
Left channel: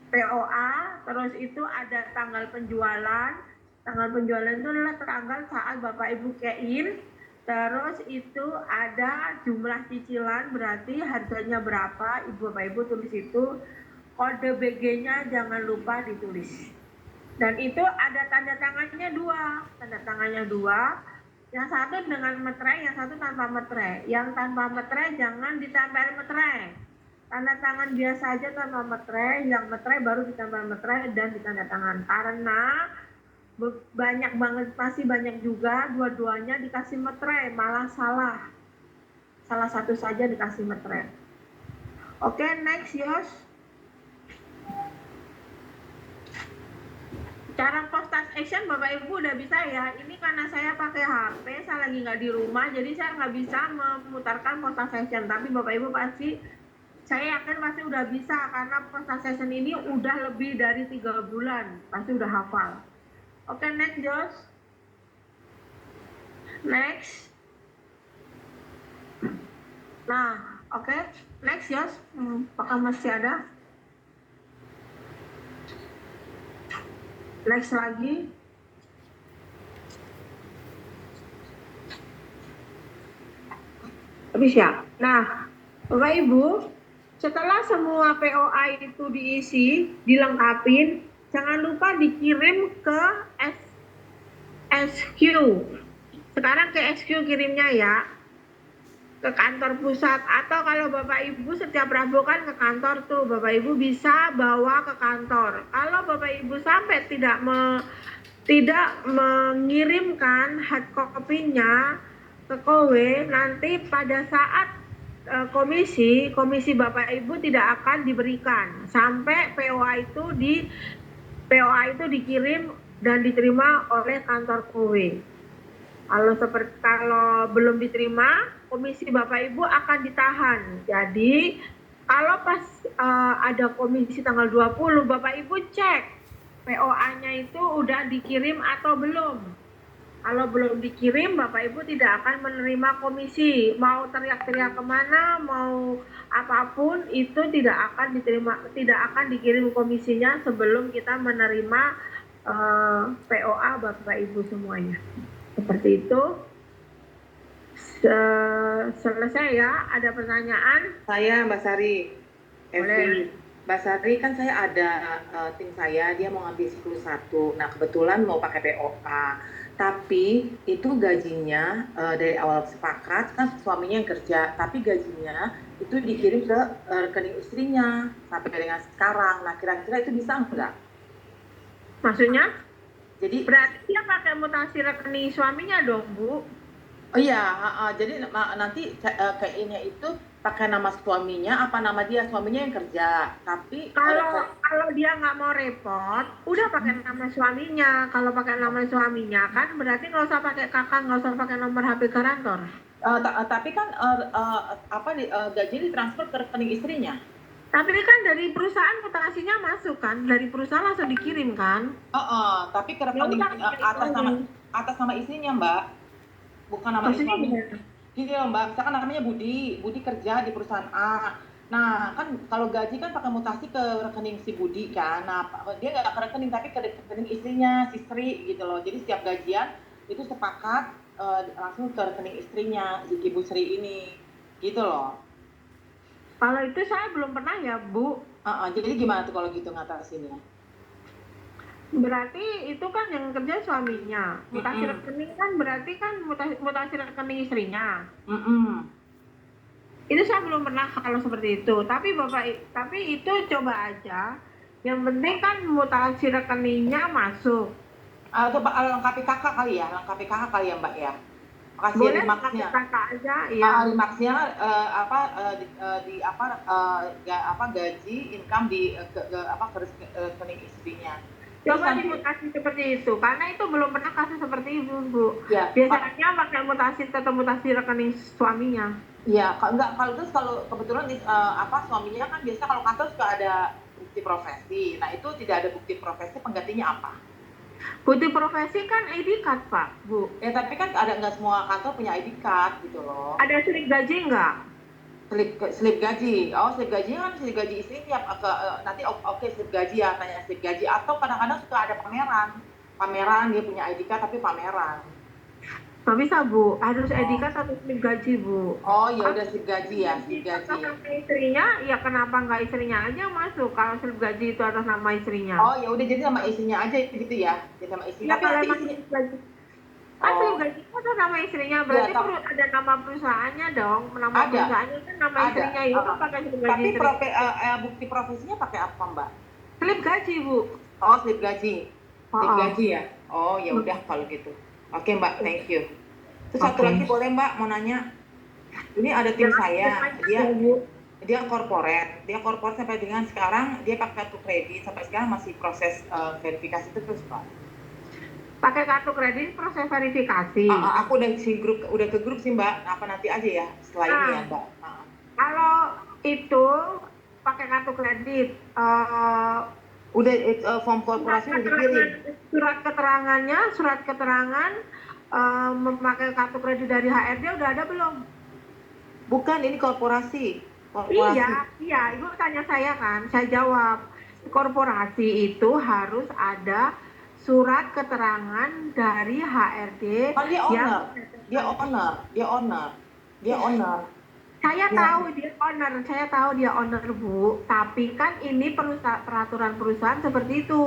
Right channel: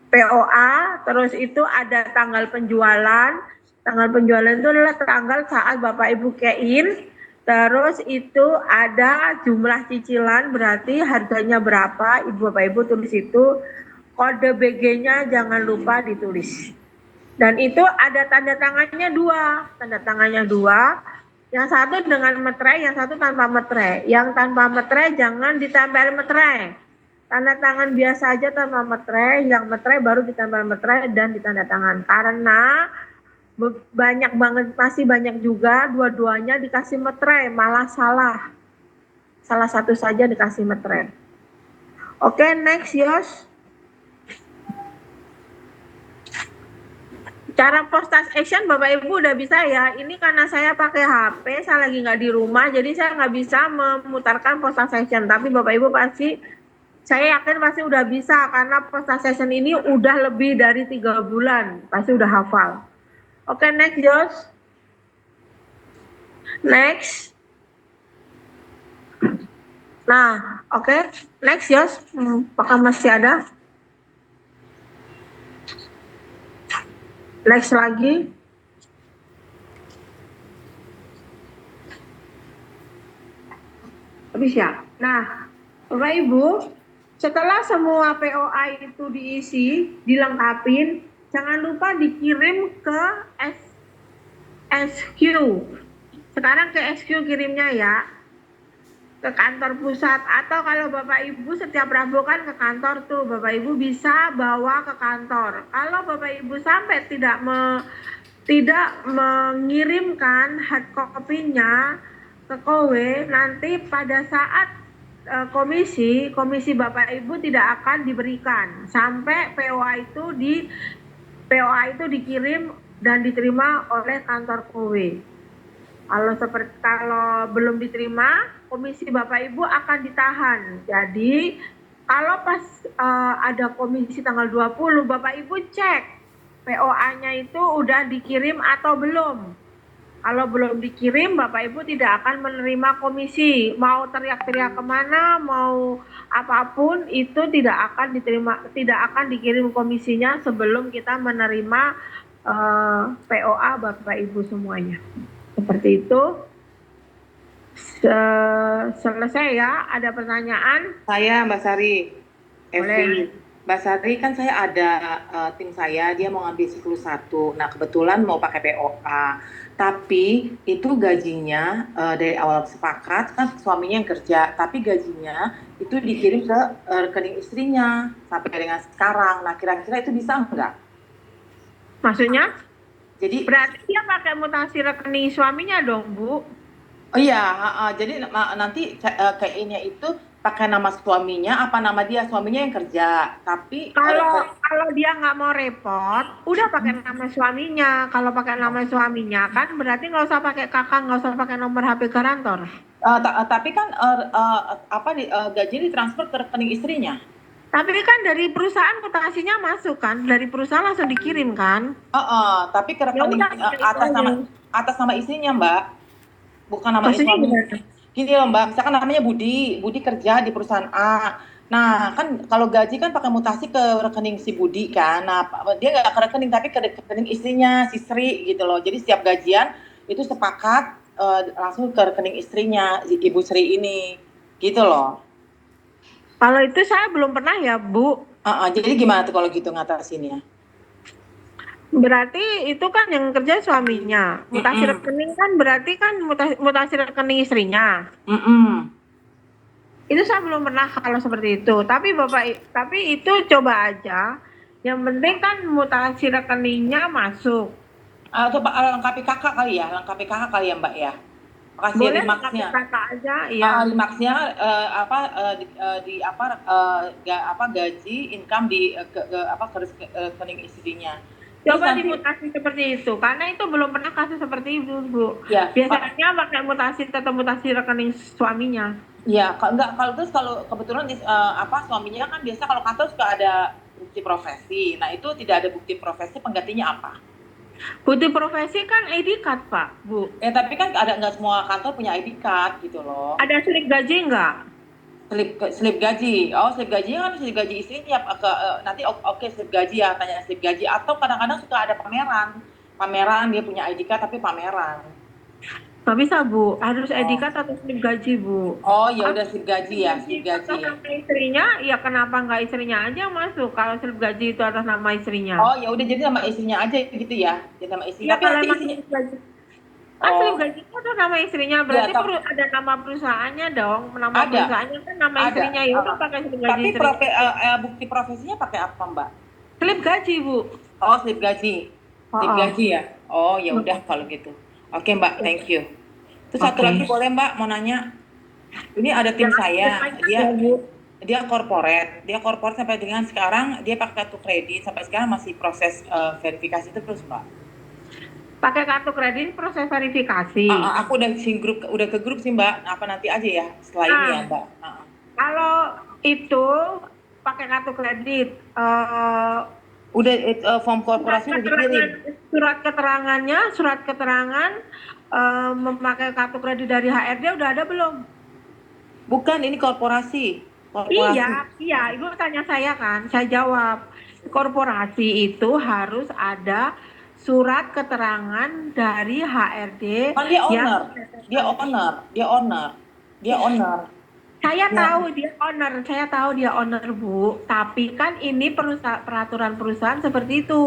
POA, terus itu ada tanggal penjualan. Tanggal penjualan itu adalah tanggal saat Bapak Ibu kein. Terus itu ada jumlah cicilan, berarti harganya berapa, Bapak Ibu tulis itu. Kode BG-nya jangan lupa ditulis. Dan itu ada tanda tangannya 2. Yang satu dengan materai, yang satu tanpa materai. Yang tanpa materai jangan ditempel materai. Tanda tangan biasa aja tanpa materai, yang materai baru ditempel materai dan ditanda tangan. Karena masih banyak juga dua-duanya dikasih materai, malah salah. Salah satu saja dikasih materai. Oke, next, Yos. Cara post transaction Bapak Ibu udah bisa ya. Ini karena saya pakai HP, saya lagi nggak di rumah, jadi saya nggak bisa memutarkan post transaction. Tapi Bapak Ibu pasti Saya yakin pasti udah bisa karena post session ini udah lebih dari 3 bulan, pasti udah hafal. Oke, next Josh. Next. Nah, oke, next Josh. Apakah masih ada? Next lagi. Habis ya? Nah, Bapak Ibu, setelah semua POA itu diisi, dilengkapin, jangan lupa dikirim ke SQ. Sekarang ke SQ kirimnya ya, ke kantor pusat. Atau kalau Bapak Ibu setiap Rabu kan ke kantor tuh, Bapak Ibu bisa bawa ke kantor. Kalau Bapak Ibu sampai tidak mengirimkan hard copy-nya ke KOWE, nanti pada saat komisi Bapak Ibu tidak akan diberikan sampai POA itu dikirim dan diterima oleh kantor KOWE. Kalau belum diterima, komisi Bapak Ibu akan ditahan. Jadi kalau pas ada komisi tanggal 20, Bapak Ibu cek POA-nya itu udah dikirim atau belum. Kalau belum dikirim, Bapak Ibu tidak akan menerima komisi. Mau teriak-teriak kemana, mau apapun, itu tidak akan diterima, tidak akan dikirim komisinya sebelum kita menerima POA Bapak Ibu semuanya. Seperti itu. Selesai ya, ada pertanyaan? Saya Mbak Sari, Boleh. Mbak Sari kan saya ada tim saya, dia mau ngambil 10-1. Nah kebetulan mau pakai POA, tapi itu gajinya dari awal sepakat kan suaminya yang kerja, tapi gajinya itu dikirim ke rekening istrinya sampai dengan sekarang. Nah kira-kira itu bisa enggak? Maksudnya? Jadi Berarti dia pakai mutasi rekening suaminya dong, Bu? oh iya, jadi nanti kayaknya itu pakai nama suaminya apa nama dia, suaminya yang kerja, tapi Kalau dia nggak mau repot, udah pakai nama suaminya. Kalau pakai nama suaminya kan berarti nggak usah pakai kakak, nggak usah pakai nomor HP garantor. tapi kan gaji ditransfer ke rekening istrinya. Tapi kan dari perusahaan mutasinya masuk kan, dari perusahaan langsung dikirim kan. Tapi ke Ya rekening udah pakai itu aja. atas nama istrinya, Mbak. Bukan nama Maksudnya suami. gimana? Gini loh, Mbak, misalkan namanya Budi, Budi kerja di perusahaan A. Nah, kan kalau gaji kan pakai mutasi ke rekening si Budi kan. Nah, dia nggak ke rekening tapi ke rekening istrinya, si Sri gitu loh. Jadi setiap gajian itu sepakat langsung ke rekening istrinya, Ibu Sri ini. Gitu loh. Kalau itu saya belum pernah ya, Bu. Jadi gimana tuh kalau gitu ngatasinnya? Berarti itu kan yang kerja suaminya. Mutasi Mm-mm. rekening kan berarti kan mutasi rekening istrinya. Mm-mm. Itu saya belum pernah kalau seperti itu. Tapi itu coba aja. Yang penting kan mutasi rekeningnya masuk. Coba lengkapi kakak kali ya, Mbak ya. Kasih Boleh pakai remarksnya. kata aja, iya. Remarksnya gaji income ke rekening istrinya. Terus Coba nanti dimutasi seperti itu, karena itu belum pernah kasus seperti itu, Bu. ya Biasanya pakai mutasi tetap mutasi rekening suaminya. ya kalau kebetulan suaminya kan biasa kalau kantor suka ada bukti profesi. Nah itu tidak ada bukti profesi, penggantinya apa? Bukti profesi kan ID card, Pak, Bu. Tapi kan nggak semua kantor punya ID card gitu loh. Ada slip gaji nggak? Slip gaji. Oh, slip gajinya kan slip gaji istrinya nanti oke, slip gaji ya, tanya slip gaji atau kadang-kadang suka ada pameran. Pameran dia punya ID card tapi pameran. Nggak bisa, Bu. Harus ID Oh. card atau slip gaji, Bu. Oh, ya udah slip gaji ya, slip gaji. Atas istrinya, ya kenapa nggak istrinya aja masuk kalau slip gaji itu atas nama istrinya? Oh, ya udah jadi sama istrinya aja gitu ya. Jadi sama istrinya. Iya, Tapi kalau nanti emang istrinya slip gaji. Kan slip oh, gaji itu atas nama istrinya, ya berarti tapi ada nama perusahaannya dong. Nama ada. perusahaannya kan nama Ada. istrinya, ya udah pakai slip gaji Tapi istrinya. bukti profesinya pakai apa, Mbak? Slip gaji, Bu. Oh, slip gaji. Slip Oh, gaji ya. Oh, ya udah kalau gitu. Oke, Mbak, thank you. Terus satu lagi boleh Mbak mau nanya? Ini ada tim saya, dia corporate sampai dengan sekarang dia pakai kartu kredit sampai sekarang masih proses verifikasi terus Mbak. Pakai kartu kredit proses verifikasi. Aku udah ke grup sih Mbak. Apa nanti aja ya setelah ini ya Mbak. Kalau itu pakai kartu kredit. Udah form Surat korporasi udah keterangan, dikirim. surat keterangan memakai kartu kredit dari HRD udah ada belum? Bukan, ini korporasi. Iya, Korporasi. iya, Ibu tanya saya kan, saya jawab. Korporasi itu harus ada surat keterangan dari HRD Kan dia yang owner. Dia menyatakan. owner. Dia owner. Dia owner. Saya Nah, tahu dia owner, Bu. Tapi kan ini peraturan perusahaan seperti itu.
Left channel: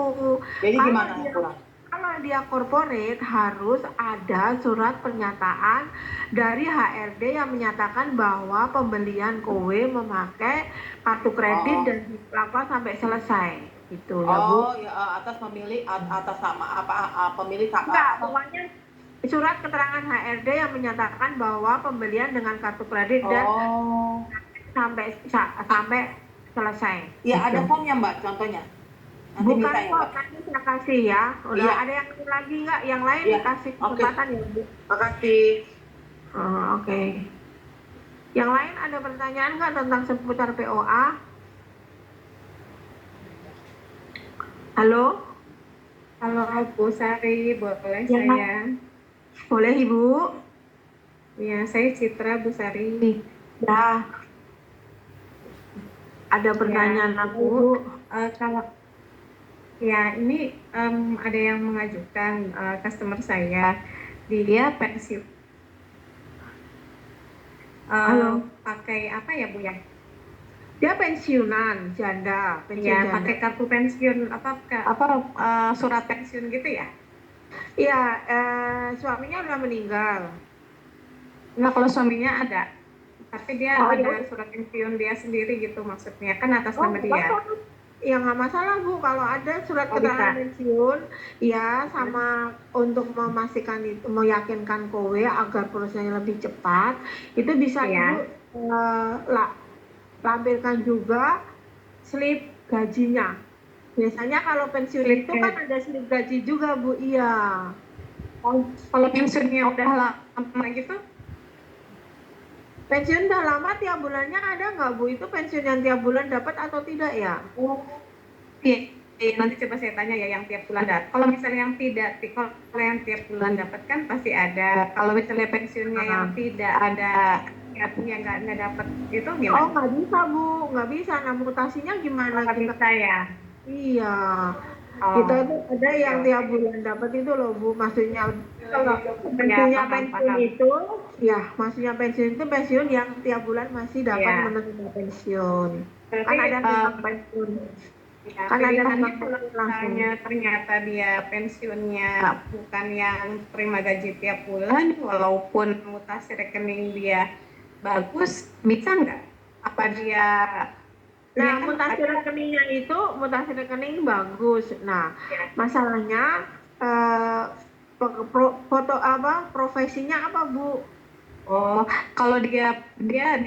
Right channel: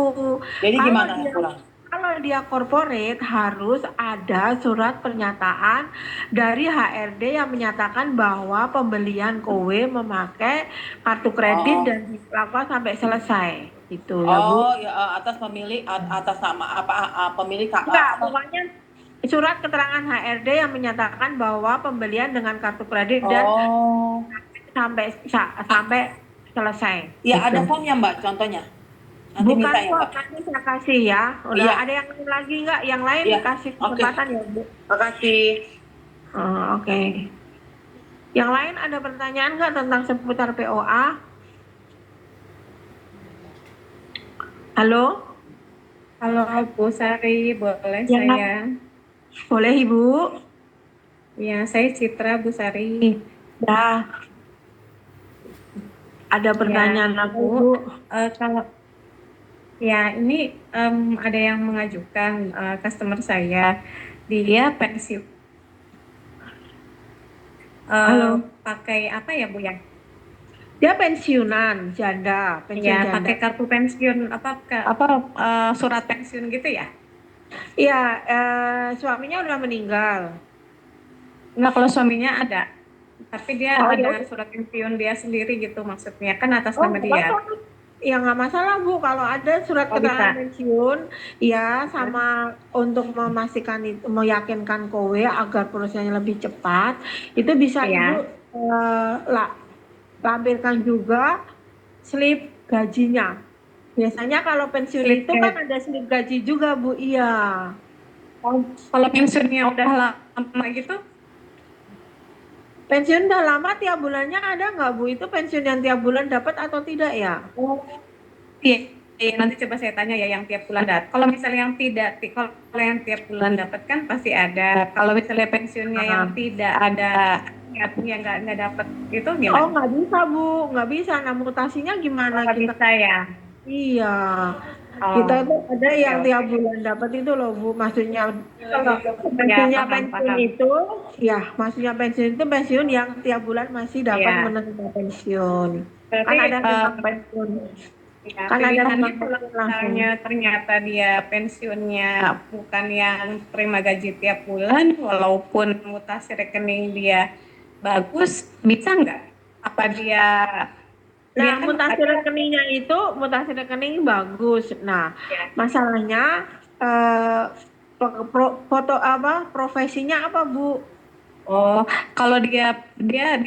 jadi Kalau gimana dia kurang? kalau dia corporate harus ada surat pernyataan dari HRD yang menyatakan bahwa pembelian kowe memakai kartu kredit Oh, dan dilakukan sampai selesai. Gitu ya, Bu. oh ya atas pemilik atas nama apa pemilik Enggak, apa? pokoknya surat keterangan HRD yang menyatakan bahwa pembelian dengan kartu kredit dan Oh, sampai selesai ya ada gitu. formnya Mbak contohnya. Nanti Bukan minta ya kok, Mbak. nanti saya kasih ya. Udah Iya, ada yang lagi nggak? Yang lain iya. kasih Oke. kesempatan ya, Bu. Makasih. Oh, oke. Yang lain ada pertanyaan nggak tentang seputar POA? Halo? Halo Bu Sari, boleh Ya, saya? boleh Ibu. Ya, saya Citra Bu Sari. Ya, ada Ya, pertanyaan apa, Bu, Bu? kalau ya ini ada yang mengajukan customer saya, dia pensiun Halo. pakai apa ya Bu ya? Dia pensiunan, janda, pensiun Ya, janda. pakai kartu pensiun surat pensiun gitu ya? Iya, suaminya udah meninggal. Enggak, kalau suaminya ada, tapi dia Oh ya, ada surat pensiun dia sendiri gitu maksudnya, kan atas oh nama nggak dia. apa-apa. Ya nggak masalah Bu, kalau ada surat Oh keterangan bisa. pensiun, ya sama untuk memastikan itu, meyakinkan kowe agar prosesnya lebih cepat, itu bisa Ibu Iya. eh, la- lampirkan juga slip gajinya. Biasanya kalau pensiun Slip itu kan ada slip gaji juga Bu, iya. Oh, kalau pensiunnya udah lama gitu, Pensiun udah lama tiap bulannya ada nggak Bu? Itu pensiun yang tiap bulan dapat atau tidak ya? oh iya, iya, nanti coba saya tanya ya yang tiap bulan dapat. Kalau misalnya yang tidak, kalau yang tiap bulan dapat kan pasti ada. Kalau misalnya pensiunnya yang Nah. tidak ada, yang nggak dapat itu Oh gimana? nggak bisa Bu, nggak bisa. Nah mutasinya Oh, gimana nggak kita? bisa ya. Iya, kita Oh, tuh ada oke yang tiap oke. bulan dapat itu loh Bu. Maksudnya kalau Ya maksudnya paham pensiun paham. itu, ya maksudnya pensiun itu pensiun yang tiap bulan masih dapat Iya. menerima pensiun. Kan Berarti ada rumah pensiun, ya, kan ada rumah pilihannya kalau pensiun langsung. misalnya ternyata dia pensiunnya bukan yang terima gaji tiap bulan, walaupun mutasi rekening dia bagus, bisa nggak? Apa dia Nah, dia kan mutasi rekening bagus. Nah, ya, masalahnya eh, foto apa profesinya apa Bu? oh kalau dia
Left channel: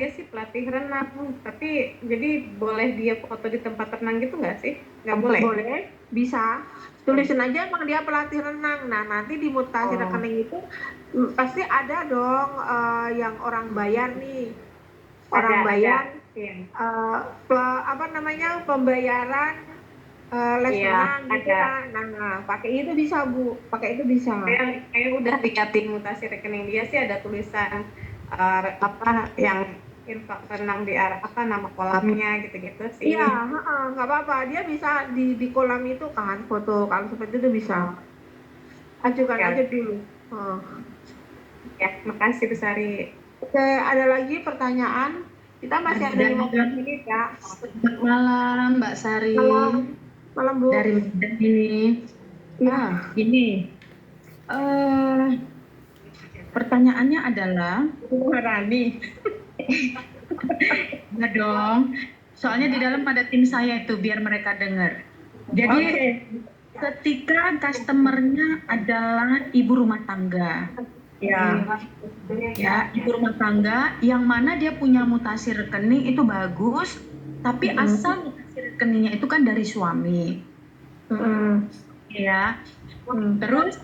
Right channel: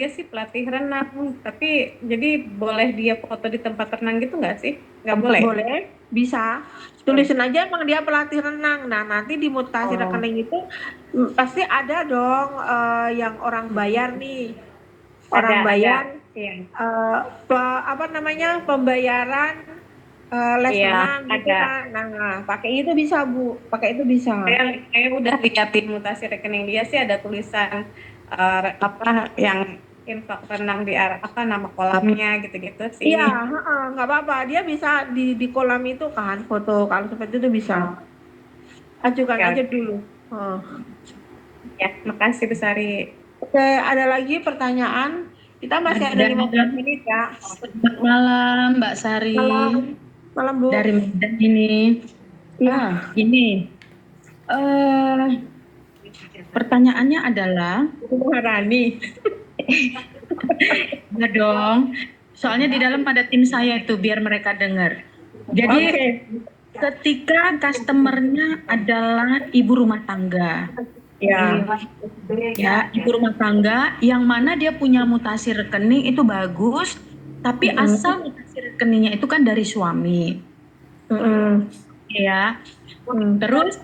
sih pelatih renang, tapi jadi boleh dia foto di tempat renang gitu nggak sih? Nggak boleh. Boleh, bisa. Tulisin aja emang dia pelatih renang. Nah, nanti di mutasi Oh, rekening itu pasti ada dong yang orang bayar nih. Orang ada. bayar Iya, apa namanya? Pembayaran les iya, renang gitu ada. kan. Nah, pakai itu bisa, Bu. Pakai itu bisa. Saya udah liatin mutasi rekening dia sih ada tulisan apa yang infak renang di arah apa nama kolamnya gitu-gitu Iya, sih. heeh, nggak apa-apa. Dia bisa di kolam itu kan foto kalau seperti itu bisa. Oh, Ajukan oke aja oke. dulu. Oh. Ya, makasih Bu Sari. Oke, ada lagi pertanyaan? Kita masih ada Ada 15 menit ya. selamat malam Mbak Sari Malam, malam Bu. dari Medan ini. Iya, Ini eh pertanyaannya adalah, Bu Maharani. ya dong, soalnya di dalam ada tim saya itu biar mereka dengar. Jadi Oke. ketika customernya adalah ibu rumah tangga, Ya. ya ibu rumah tangga yang mana dia punya mutasi rekening itu bagus, tapi asal mutasi rekeningnya itu kan dari suami, ya. Terus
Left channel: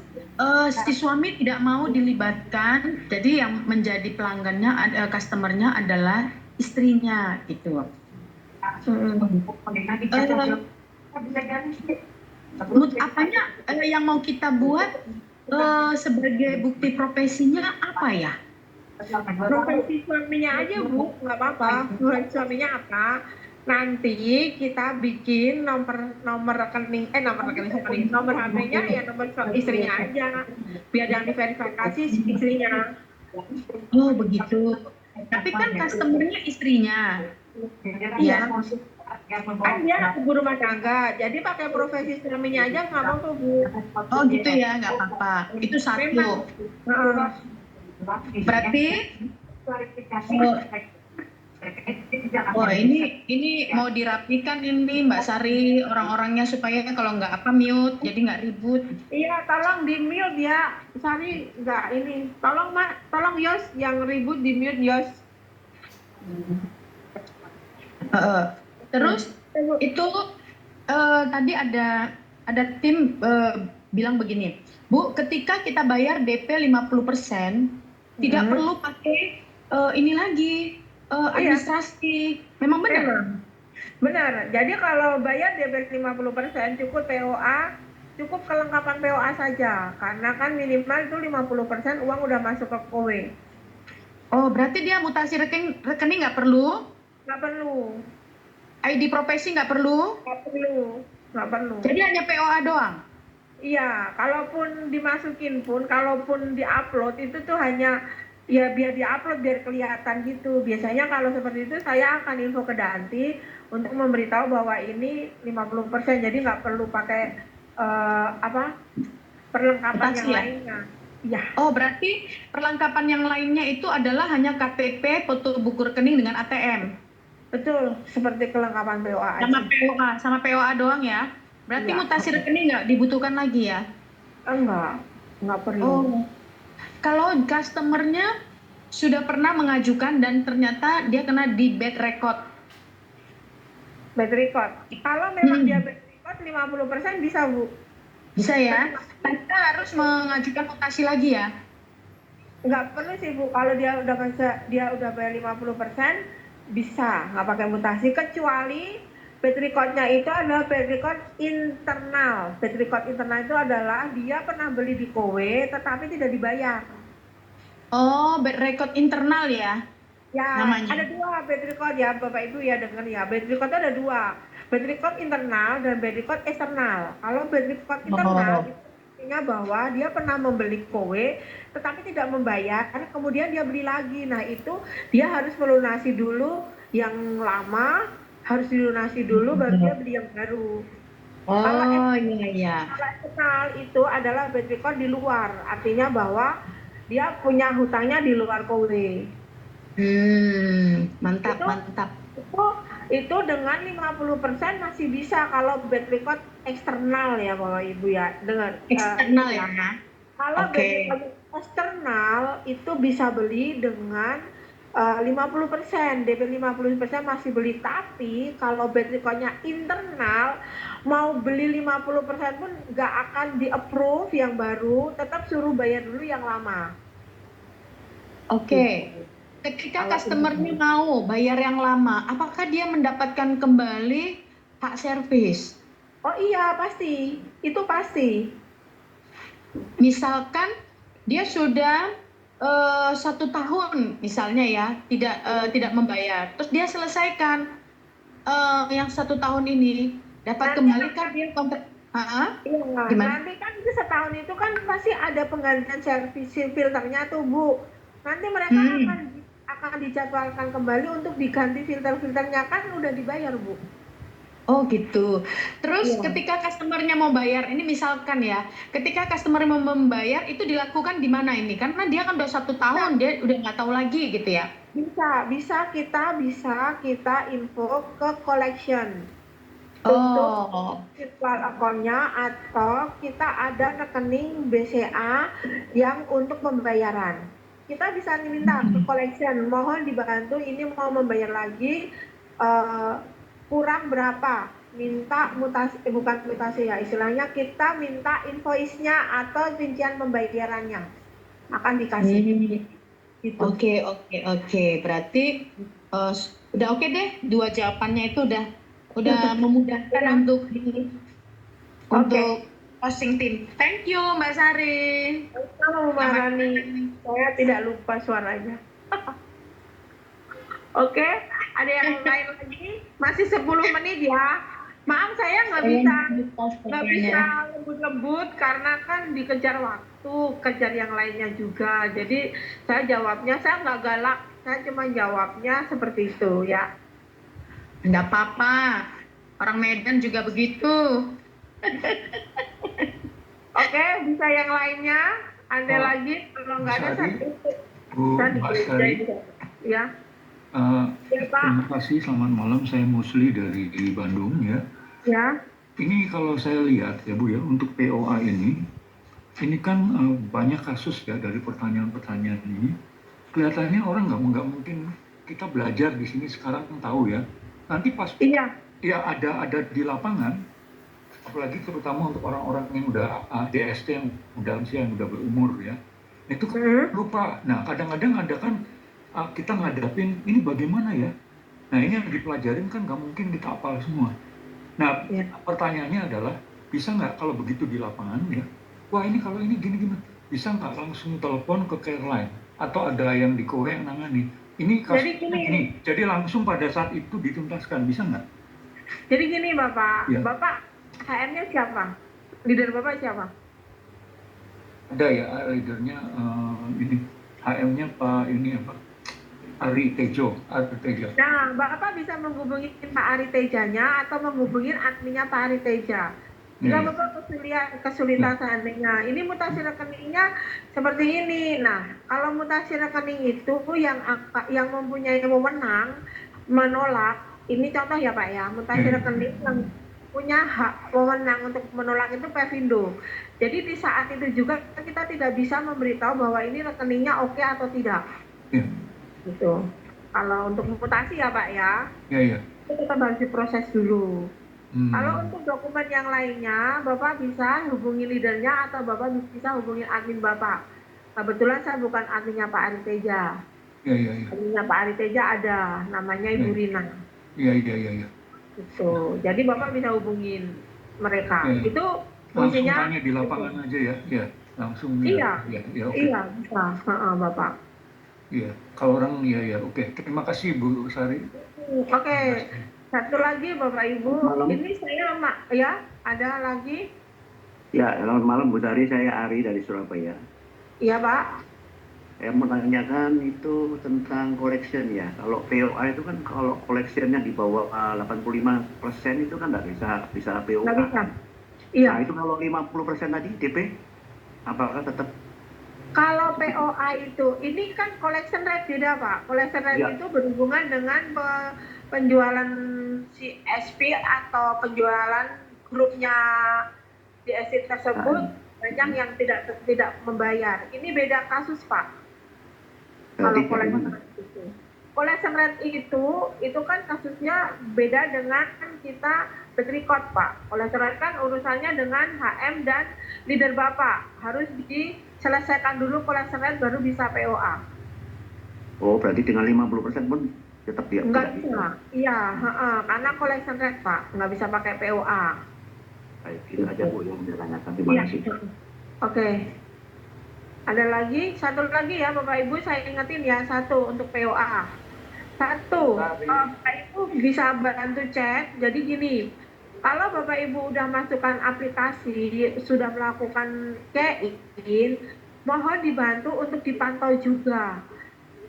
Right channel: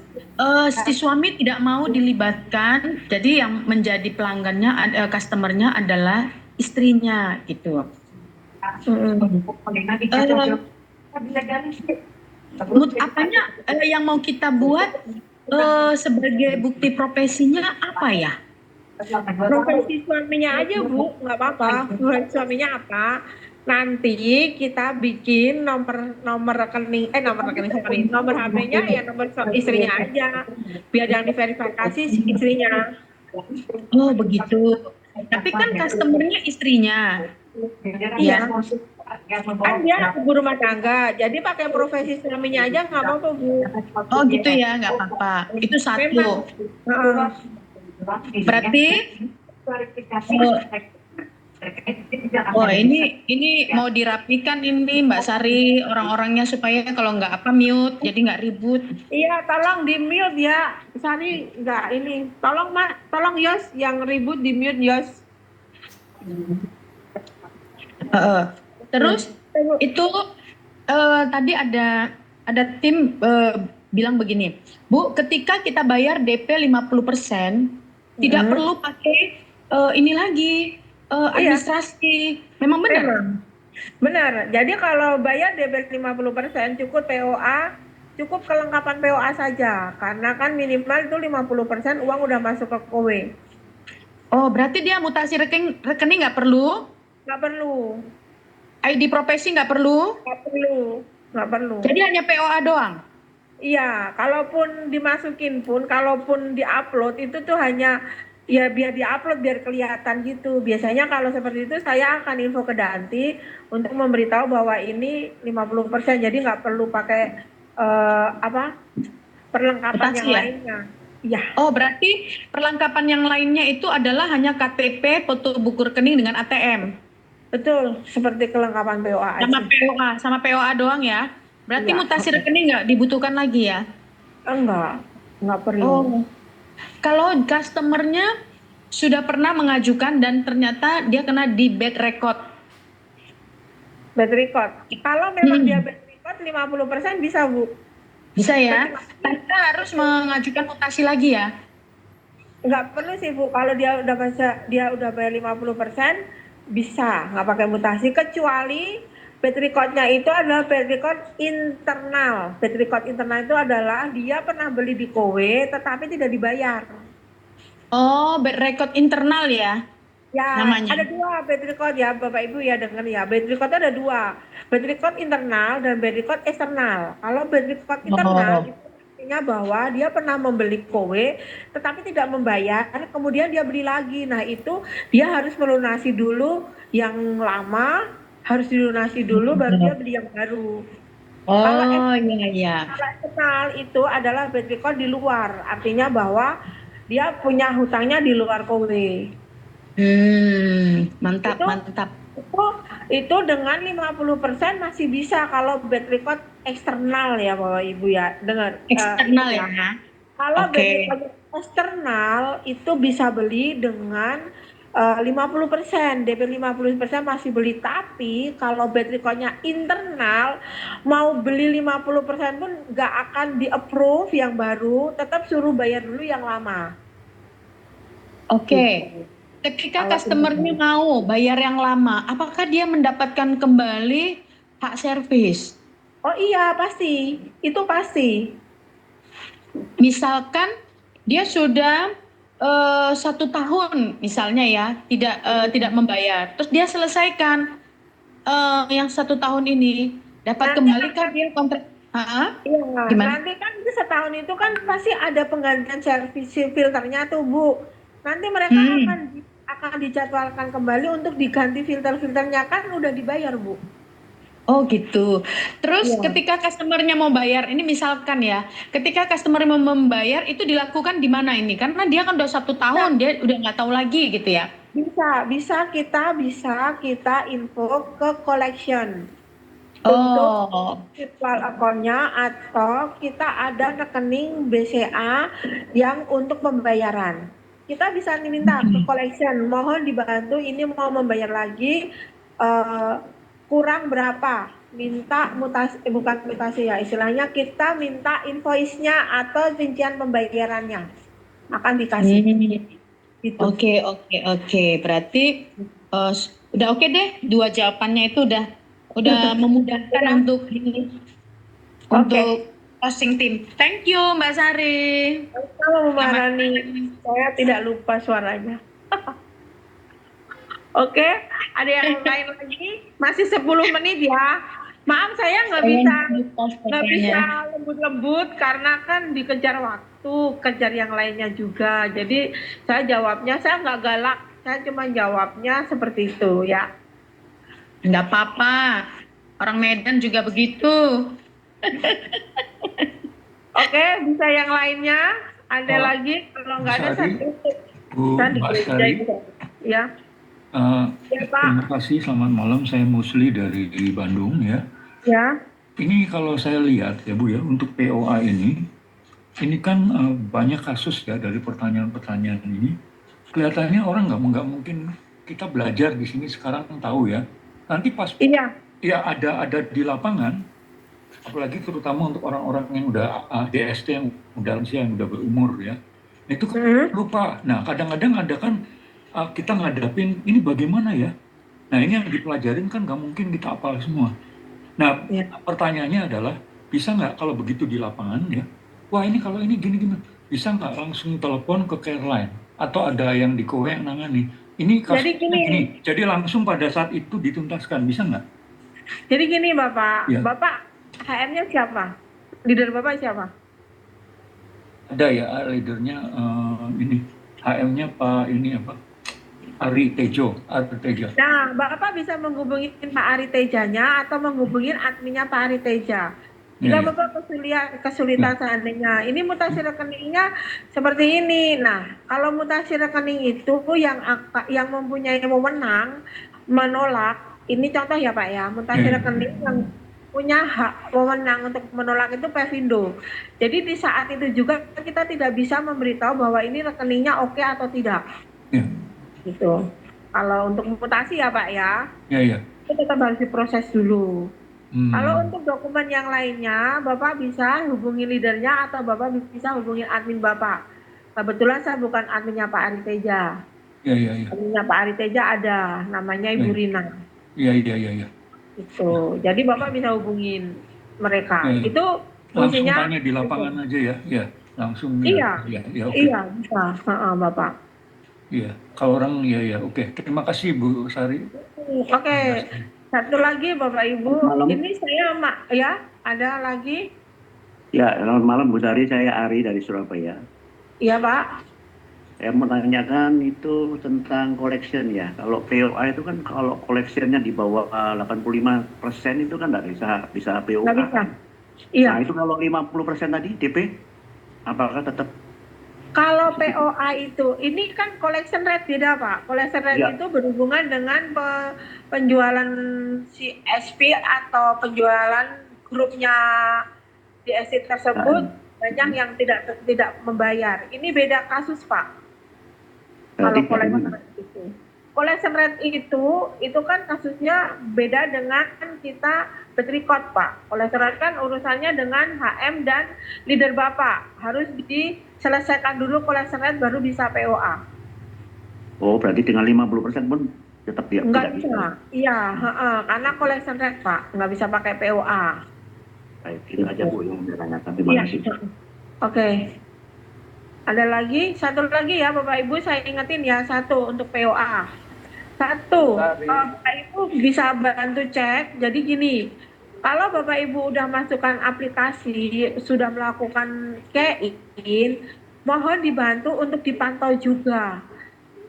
si suami tidak mau dilibatkan, jadi yang menjadi pelanggannya, customernya adalah istrinya gitu. Apanya yang mau kita buat sebagai bukti profesinya apa ya? Profesi suaminya aja Bu, nggak apa-apa. Profesi suaminya apa? Nanti kita bikin nomor rekening, nomor HP-nya ya nomor istrinya aja, biar yang diverifikasi istrinya. Oh begitu. Tapi kan customernya istrinya, Iya, ya. kan dia ibu rumah tangga, jadi pakai profesi suaminya aja nggak mau tuh Bu. Oh gitu ya, nggak apa-apa. Itu Memang, satu. heeh. Berarti oh ini mau dirapikan ini Mbak Sari orang-orangnya supaya kalau nggak apa mute, jadi nggak ribut. Iya, tolong di mute ya. Sani nggak ini. Tolong Mak, tolong Yos yang ribut di mute Yos. Heeh. Terus itu tadi ada tim bilang begini, Bu, ketika kita bayar DP 50%, tidak perlu pakai ini lagi administrasi. Memang benar? Memang. Benar. Jadi kalau bayar DP 50% cukup POA, cukup kelengkapan POA saja. Karena kan minimal itu 50% uang udah masuk ke kowe. Oh, berarti dia mutasi rekening nggak perlu? Nggak perlu. ID profesi nggak perlu? Nggak perlu. Nggak perlu. Jadi hanya POA doang? Iya, kalaupun dimasukin pun, kalaupun diupload itu tuh hanya ya biar diupload biar kelihatan gitu. Biasanya kalau seperti itu saya akan info ke Danti untuk memberitahu bahwa ini 50%, jadi nggak perlu pakai perlengkapan Mutasi yang ya? lainnya. Iya, Oh, berarti perlengkapan yang lainnya itu adalah hanya KTP, foto buku rekening dengan ATM. betul, seperti kelengkapan POA Sama aja. POA, sama POA doang ya. Berarti Iya, mutasi rekening nggak dibutuhkan lagi ya? enggak perlu. Oh, kalau customernya sudah pernah mengajukan dan ternyata dia kena di bad record. Bad record. Kalau memang dia Hmm, bad record 50% bisa, Bu. bisa ya? Kecuali Kita harus mengajukan mutasi lagi ya? nggak perlu sih Bu, kalau dia udah bayar 50% bisa nggak pakai mutasi, kecuali bad record-nya itu adalah bad record internal. Bad record internal itu adalah dia pernah beli di kowe tetapi tidak dibayar. Oh, bad record internal ya Ya, namanya. ada dua bad record ya Bapak Ibu ya, dengar ya. Bad record itu ada dua, bad record internal dan bad record eksternal. Kalau bad record internal Oh, itu artinya bahwa dia pernah membeli kowe tetapi tidak membayar, kemudian dia beli lagi. Nah, itu dia harus melunasi dulu yang lama, harus dilunasi dulu baru dia beli yang baru. Kalau oh iya iya. eksternal itu adalah bad record di luar, artinya bahwa dia punya hutangnya di luar kowe. Mantap Itu mantap. itu itu dengan 50% masih bisa kalau bad record eksternal ya Bapak Ibu ya. Dengar Eksternal ya. ya. Kalau bad Oke. record eksternal itu bisa beli dengan 50%, DP 50% masih beli, tapi kalau bad recordnya internal mau beli 50% pun nggak akan di approve yang baru, tetap suruh bayar dulu yang lama. Oke. Gitu. Ketika Kalau customernya mau bayar yang lama, apakah dia mendapatkan kembali hak servis? oh iya pasti, itu pasti. Misalkan dia sudah 1 tahun misalnya ya tidak membayar, terus dia selesaikan yang 1 tahun ini dapat Nanti kembali kan akan dia kontrak? iya, Gimana? nanti kan itu setahun itu kan pasti ada penggantian servis filternya tuh Bu. Nanti mereka Hmm. akan dijadwalkan kembali untuk diganti filter-filternya, kan udah dibayar Bu. Oh gitu. Terus Iya. ketika customernya mau bayar, ini misalkan ya, ketika customer mau membayar itu dilakukan di mana ini? Karena dia kan udah 1 tahun, Bisa, dia udah nggak tahu lagi gitu ya. bisa kita info ke collection untuk Oh, virtual account-nya, atau kita ada rekening BCA yang untuk pembayaran. Kita bisa minta ke collection, mohon dibantu ini mau membayar lagi, eh, kurang berapa, minta mutasi, bukan mutasi ya, istilahnya kita minta invoice-nya atau rincian pembayarannya akan dikasih hmm. gitu. Oke, oke, oke. Berarti Udah oke deh, dua jawabannya itu udah memudahkan untuk Oke. closing tim. Thank you Mbak Sari. Halo Mbak Selamat Rani, malam. saya tidak lupa suaranya. Oke, ada yang lain lagi? Masih 10 menit ya. Maaf saya nggak Saya bisa lupa nggak bisa fotonya. lembut-lembut karena kan dikejar waktu, kejar yang lainnya juga. Jadi saya jawabnya saya nggak galak, saya cuma jawabnya seperti itu ya. Nggak apa-apa. Orang Medan juga begitu. Oke, bisa yang lainnya? Ada Pak lagi? Kalau Bu nggak ada Sari, saya tutup. Bu Saya Mbak dikerjain Sari, juga. Ya, eh, ya Pak. terima kasih. Selamat malam. Saya Musli dari Bandung ya. Ya, Ini kalau saya lihat ya Bu ya, untuk POA ini kan banyak kasus ya dari pertanyaan-pertanyaan ini. Kelihatannya orang nggak mungkin kita belajar di sini sekarang tahu ya. Nanti pas iya. ya ada di lapangan, apalagi terutama untuk orang-orang yang udah DST yang udah lansia yang udah berumur ya, itu Hmm, lupa. Nah kadang-kadang ada kan kita ngadapin ini bagaimana ya. Nah ini yang dipelajarin kan nggak mungkin kita hafal semua. Nah ya. pertanyaannya adalah bisa nggak kalau begitu di lapangan ya, wah ini kalau ini gini-gini, bisa nggak langsung telepon ke care line atau ada yang di Kowe yang nangani ini Jadi kasusnya gini, gini, jadi langsung pada saat itu dituntaskan, bisa nggak? Jadi gini Bapak, Ya Bapak HM-nya siapa? Leader Bapak siapa? ada ya leadernya ini HM-nya Pak ini apa, Ari Tejo, Ari Tejo. Nah, Bapak bisa menghubungi Pak Ari Tejanya atau menghubungi adminnya Pak Ari Teja. Ya Jika ya Bapak ya kesulitan seandainya, ini mutasi rekeningnya seperti ini. Nah, kalau mutasi rekening itu yang mempunyai wewenang menolak, ini contoh ya Pak ya, ya mutasi ya, rekening yang punya hak wewenang untuk menolak itu Pevindo. Jadi di saat itu juga kita tidak bisa memberitahu bahwa ini rekeningnya oke atau tidak. ya Gitu. Kalau untuk mutasi ya Pak ya, ya ya. itu tetap harus diproses dulu. Kalau Hmm, untuk dokumen yang lainnya, Bapak bisa hubungi leadernya atau Bapak bisa hubungi admin Bapak. Kebetulan saya bukan adminnya Pak Ari Teja. ya ya ya Adminnya Pak Ari Teja ada, namanya ya Ibu Rina. ya ya ya ya Itu. Jadi Bapak bisa hubungin ya mereka. ya. Itu Langsung fungsinya tanya di itu. lapangan aja ya, ya langsung ya Iya, ya ya oke. iya bisa. Bapak. Iya, kalau orang ya ya oke. Terima kasih Bu Sari. Oke, Terima kasih. satu lagi Bapak Ibu. Malam. Ini saya ya, ada lagi. Ya, selamat malam Bu Sari, saya Ari dari Surabaya. Iya Pak. Saya mau tanyakan itu tentang collection ya. Kalau POA itu kan kalau collectionnya di bawah 85% itu kan nggak bisa POA. Nggak bisa. Iya. Nah itu kalau 50% tadi DP, apakah tetap? Kalau POA itu, ini kan collection rate beda Pak. Collection rate Ya. itu berhubungan dengan penjualan si SP atau penjualan grupnya DSC tersebut banyak yang tidak membayar. Ini beda kasus Pak. Kalau Berarti collection bagaimana? rate itu. Collection rate itu kan kasusnya beda dengan kita record Pak. Collection rate kan urusannya dengan HM dan leader Bapak. Harus diselesaikan dulu collection rate baru bisa POA. Oh, berarti dengan 50% pun tetap dia Enggak tidak bisa. bisa. Iya, karena collection rate Pak, nggak bisa pakai POA. Baik, itu aja Bu yang saya tanyakan. Terima Iya. kasih. Oke. Ada lagi, satu lagi ya Bapak Ibu, saya ingetin ya, satu untuk POA. Satu, Bapak Ibu bisa bantu cek. Jadi gini, kalau Bapak Ibu udah masukkan aplikasi, sudah melakukan check-in, mohon dibantu untuk dipantau juga.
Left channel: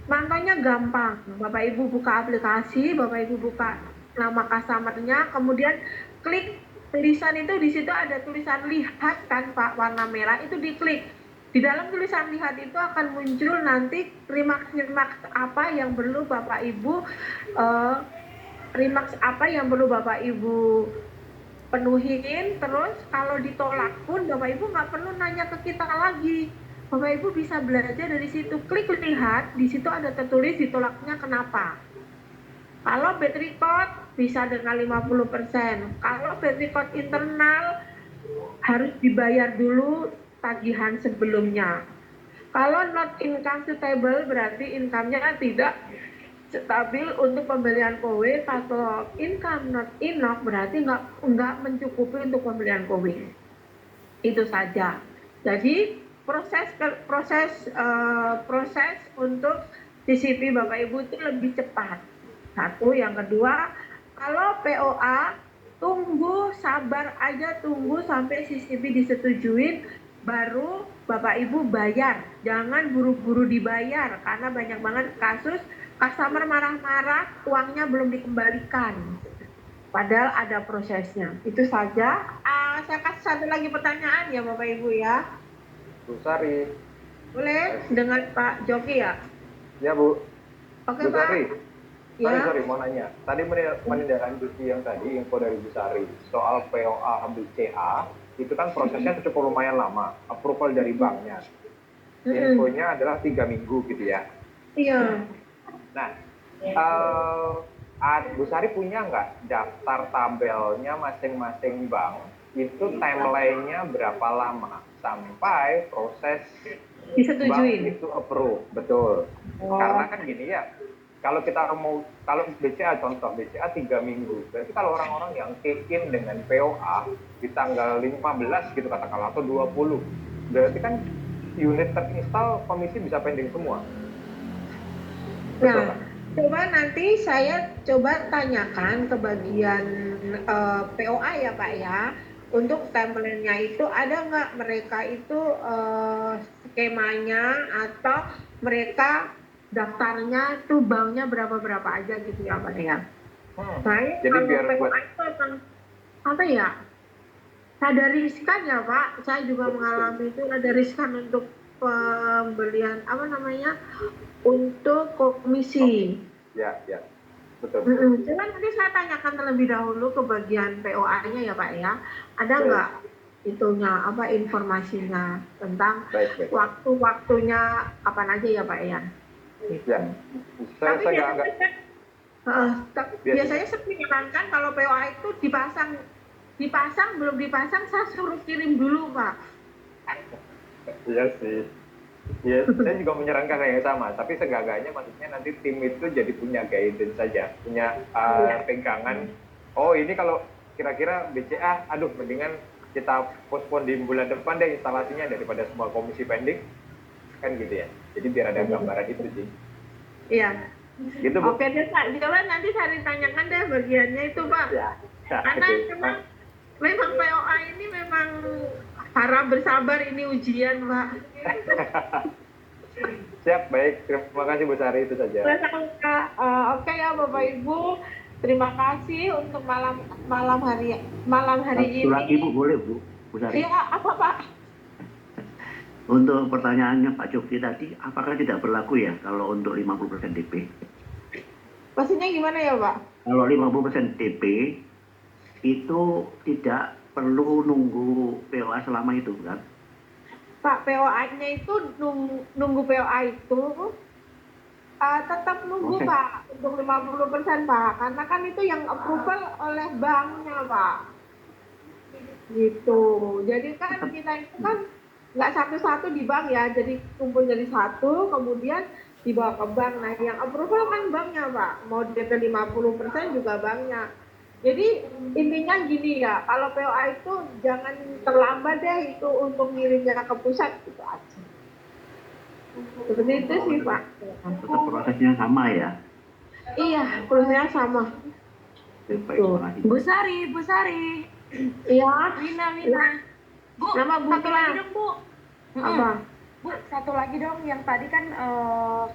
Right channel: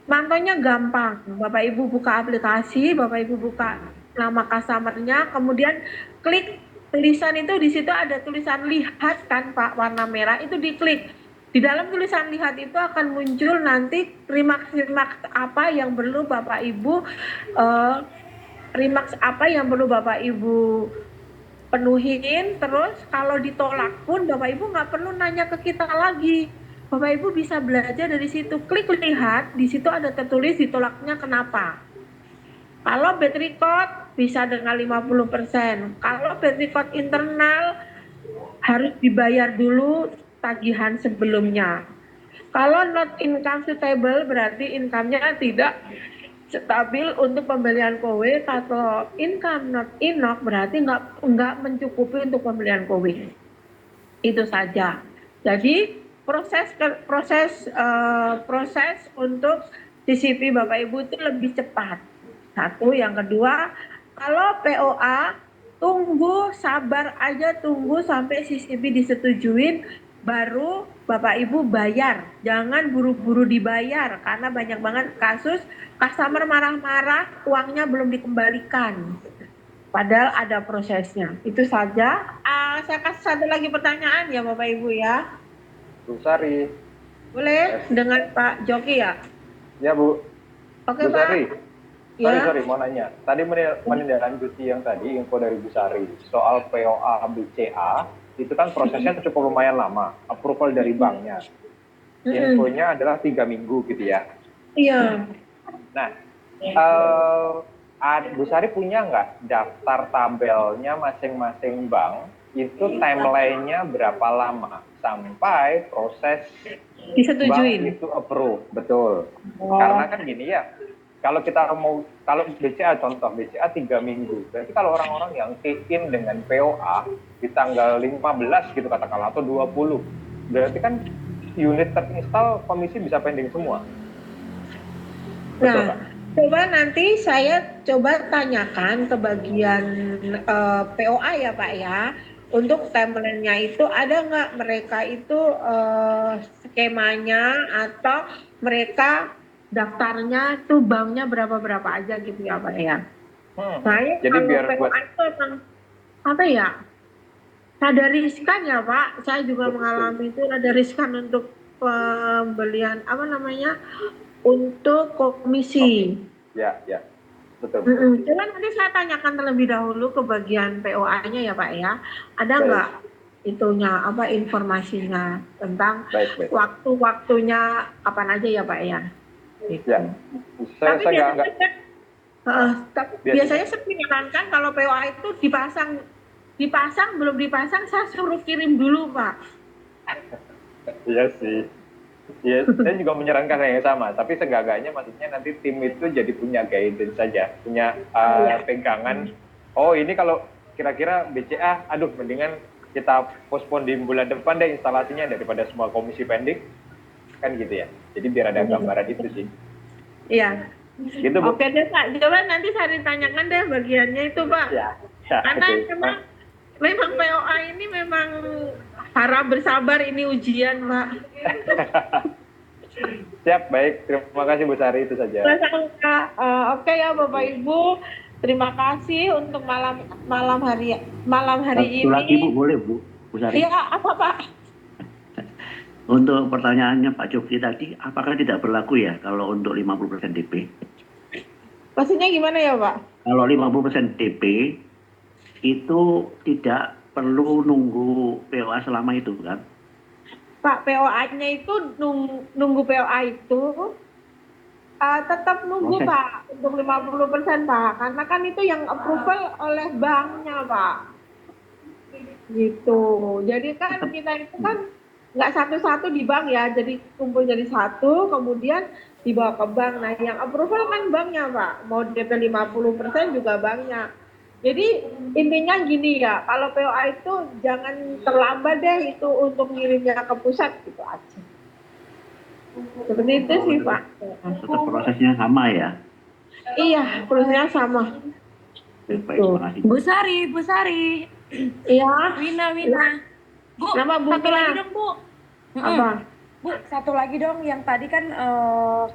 Mantaunya gampang. Bapak Ibu buka aplikasi, Bapak Ibu buka nama customer-nya, kemudian klik tulisan itu, di situ ada tulisan lihat kan Pak, warna merah, itu diklik. Di dalam tulisan lihat itu akan muncul nanti remarks apa yang perlu Bapak Ibu remarks apa yang perlu Bapak Ibu penuhin. Terus kalau ditolak pun Bapak Ibu nggak perlu nanya ke kita lagi. Bapak Ibu bisa belajar dari situ. Klik lihat, di situ ada tertulis ditolaknya kenapa. Kalau bad record bisa dengan 50%. Kalau bad record internal harus dibayar dulu tagihan sebelumnya. Kalau not income suitable berarti income-nya tidak stabil untuk pembelian kowe. Kalau income not enough berarti nggak mencukupi untuk pembelian kowe. Itu saja. Jadi proses untuk CCP Bapak Ibu itu lebih cepat. Satu, yang kedua, kalau POA tunggu, sabar aja, tunggu sampai CCP disetujuin baru Bapak Ibu bayar. Jangan buru-buru dibayar karena banyak banget kasus customer marah-marah uangnya belum dikembalikan. Padahal ada prosesnya. Itu saja. Saya kasih satu lagi pertanyaan ya Bapak Ibu ya. Bu Sari. Boleh dengan Pak Joki ya? Ya Bu. Oke Bu Pak. Sari. Ya. Sorry, mau nanya. Tadi menindaklanjuti yang tadi info dari Bu Sari soal POA BCA itu kan prosesnya cukup lumayan lama, approval dari banknya. Infonya adalah 3 minggu gitu ya. Iya. Nah, Bu Sari punya nggak daftar tabelnya masing-masing bank itu timeline-nya berapa lama sampai proses Disetujuin. bank itu approve, betul. Karena kan gini ya, kalau BCA contoh BCA 3 minggu, berarti kalau orang-orang yang key-in dengan POA di tanggal 15 gitu katakanlah atau 20, berarti kan unit terinstall komisi bisa pending semua. Betul, Nah, coba nanti saya coba tanyakan ke bagian POA ya Pak ya. Untuk template-nya itu ada nggak mereka itu skemanya atau mereka daftarnya tuh banknya berapa aja gitu ya Pak ya. Saya Jadi kalau biar POA itu emang apa ya? Ada riskan ya Pak. Saya juga mengalami itu ada riskan untuk pembelian apa namanya untuk komisi. Ya, betul. Coba nanti saya tanyakan terlebih dahulu ke bagian POA-nya ya Pak ya. Ada nggak itunya apa informasinya tentang Baik. waktu-waktunya kapan aja ya Pak ya? Ya. Tapi Saya nggak. biasanya saya menyarankan kalau POA itu dipasang belum dipasang saya suruh kirim dulu Pak. Iya sih. Ya, saya juga menyarankan yang sama, tapi segaganya maksudnya nanti tim itu jadi punya guidance saja, punya pegangan. Oh ini kalau kira-kira BCA, aduh mendingan kita postpone di bulan depan deh instalasinya daripada semua komisi pending, kan gitu ya. Jadi biar ada gambaran itu sih. Iya. Gitu Bu. Oke deh Pak, coba nanti saya ditanyakan deh bagiannya itu Pak. Ya. Karena memang POA ini memang harap bersabar ini ujian Pak. Siap, baik. Terima kasih Bu Sari, itu saja. Oke ya Bapak Ibu, terima kasih untuk malam hari ini. Satu lagi Bu, boleh Bu Sari? Iya, apa Pak? Untuk pertanyaannya Pak Joki tadi, apakah tidak berlaku ya kalau untuk 50% DP? Maksudnya gimana ya Pak? Kalau 50% DP itu tidak perlu nunggu POA selama itu kan? Pak, POA-nya itu nunggu POA itu tetap nunggu Pak untuk 50% Pak, karena kan itu yang approval oleh banknya Pak. Gitu. Jadi kan kita itu kan nggak satu-satu di bank ya, jadi kumpul jadi satu, kemudian dibawa ke bank. Nah, yang approval kan banknya Pak. Mau DP 50% juga banknya. Jadi intinya gini ya, kalau POA itu jangan terlambat deh itu untuk ngirimnya ke pusat gitu aja. Seperti itu sih Pak. Tetap prosesnya sama ya? Iya, prosesnya sama. Baik, terima kasih. Bu Sari. Iya. Wina. Bu, Nama Bu satu lagi dong Bu. Apa? Bu, satu lagi dong yang tadi kan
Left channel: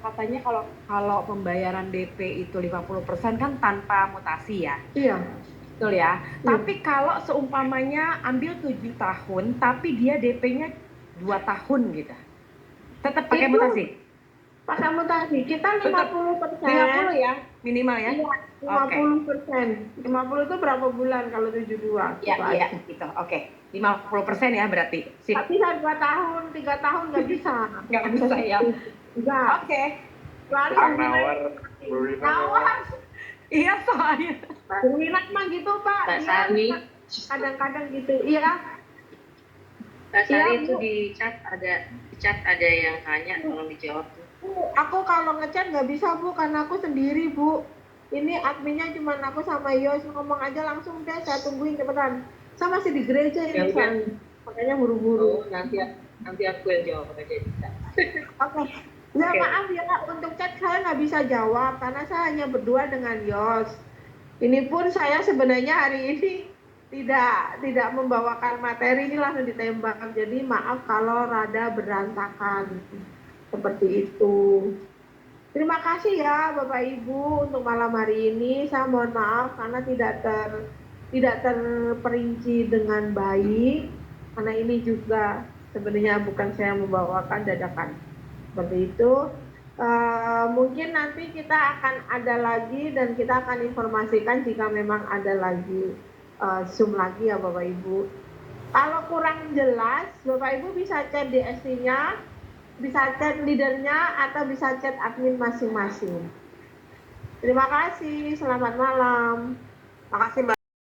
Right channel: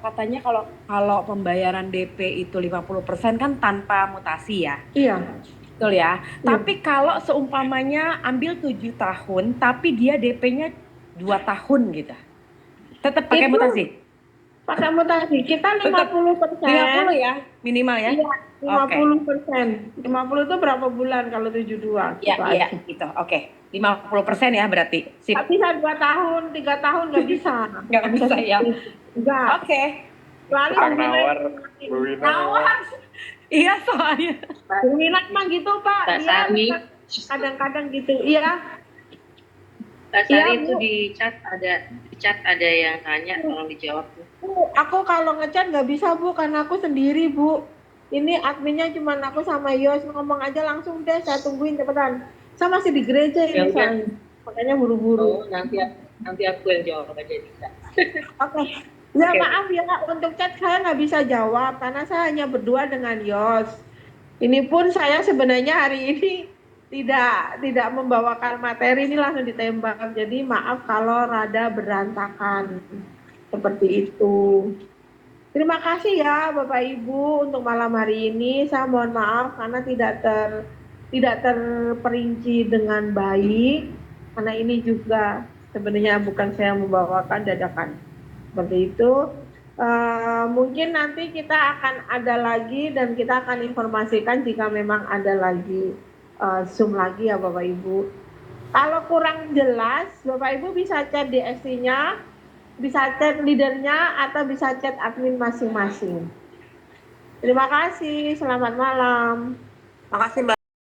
katanya kalau pembayaran DP itu 50% kan tanpa mutasi ya. Iya. Betul ya. Tapi kalau seumpamanya ambil 7 tahun tapi dia DP-nya 2 tahun gitu. Tetap pakai mutasi? Pakai mutasi. Kita 50%. 50 ya minimal ya? Iya, 50%. 50 itu berapa bulan kalau 72? Iya, gitu. Oke. 50% ya berarti. Sip. Tapi bisa 2 tahun, 3 tahun nggak bisa. Nggak bisa ya. Enggak. Oke. Kecuali Nawar. Iya soalnya. Minat mah gitu Pak. Dia kadang-kadang gitu. Iya. Kak Iya, Sari itu Bu. di chat ada yang tanya, tolong dijawab. Bu, aku kalau ngechat nggak bisa, Bu, karena aku sendiri, Bu. Ini adminnya cuma aku sama Yos, ngomong aja langsung deh, saya tungguin cepetan. Saya masih di gereja Ya ini, udah. soalnya. Makanya buru-buru. Oh, nanti aku yang jawab aja bisa. Oke. Ya Oke. maaf ya Kak, untuk chat saya nggak bisa jawab karena saya hanya berdua dengan Yos. Ini pun saya sebenarnya hari ini tidak membawakan materi, ini langsung ditembak. Jadi maaf kalau rada berantakan seperti itu. Terima kasih ya Bapak Ibu untuk malam hari ini. Saya mohon maaf karena tidak terperinci dengan baik karena ini juga sebenarnya bukan saya membawakan dadakan seperti itu. Mungkin nanti kita akan ada lagi dan kita akan informasikan jika memang ada lagi Zoom lagi ya Bapak Ibu. Kalau kurang jelas, Bapak Ibu bisa chat di SC-nya, bisa chat leadernya, atau bisa chat admin masing-masing. Terima kasih, selamat malam. Makasih Mbak.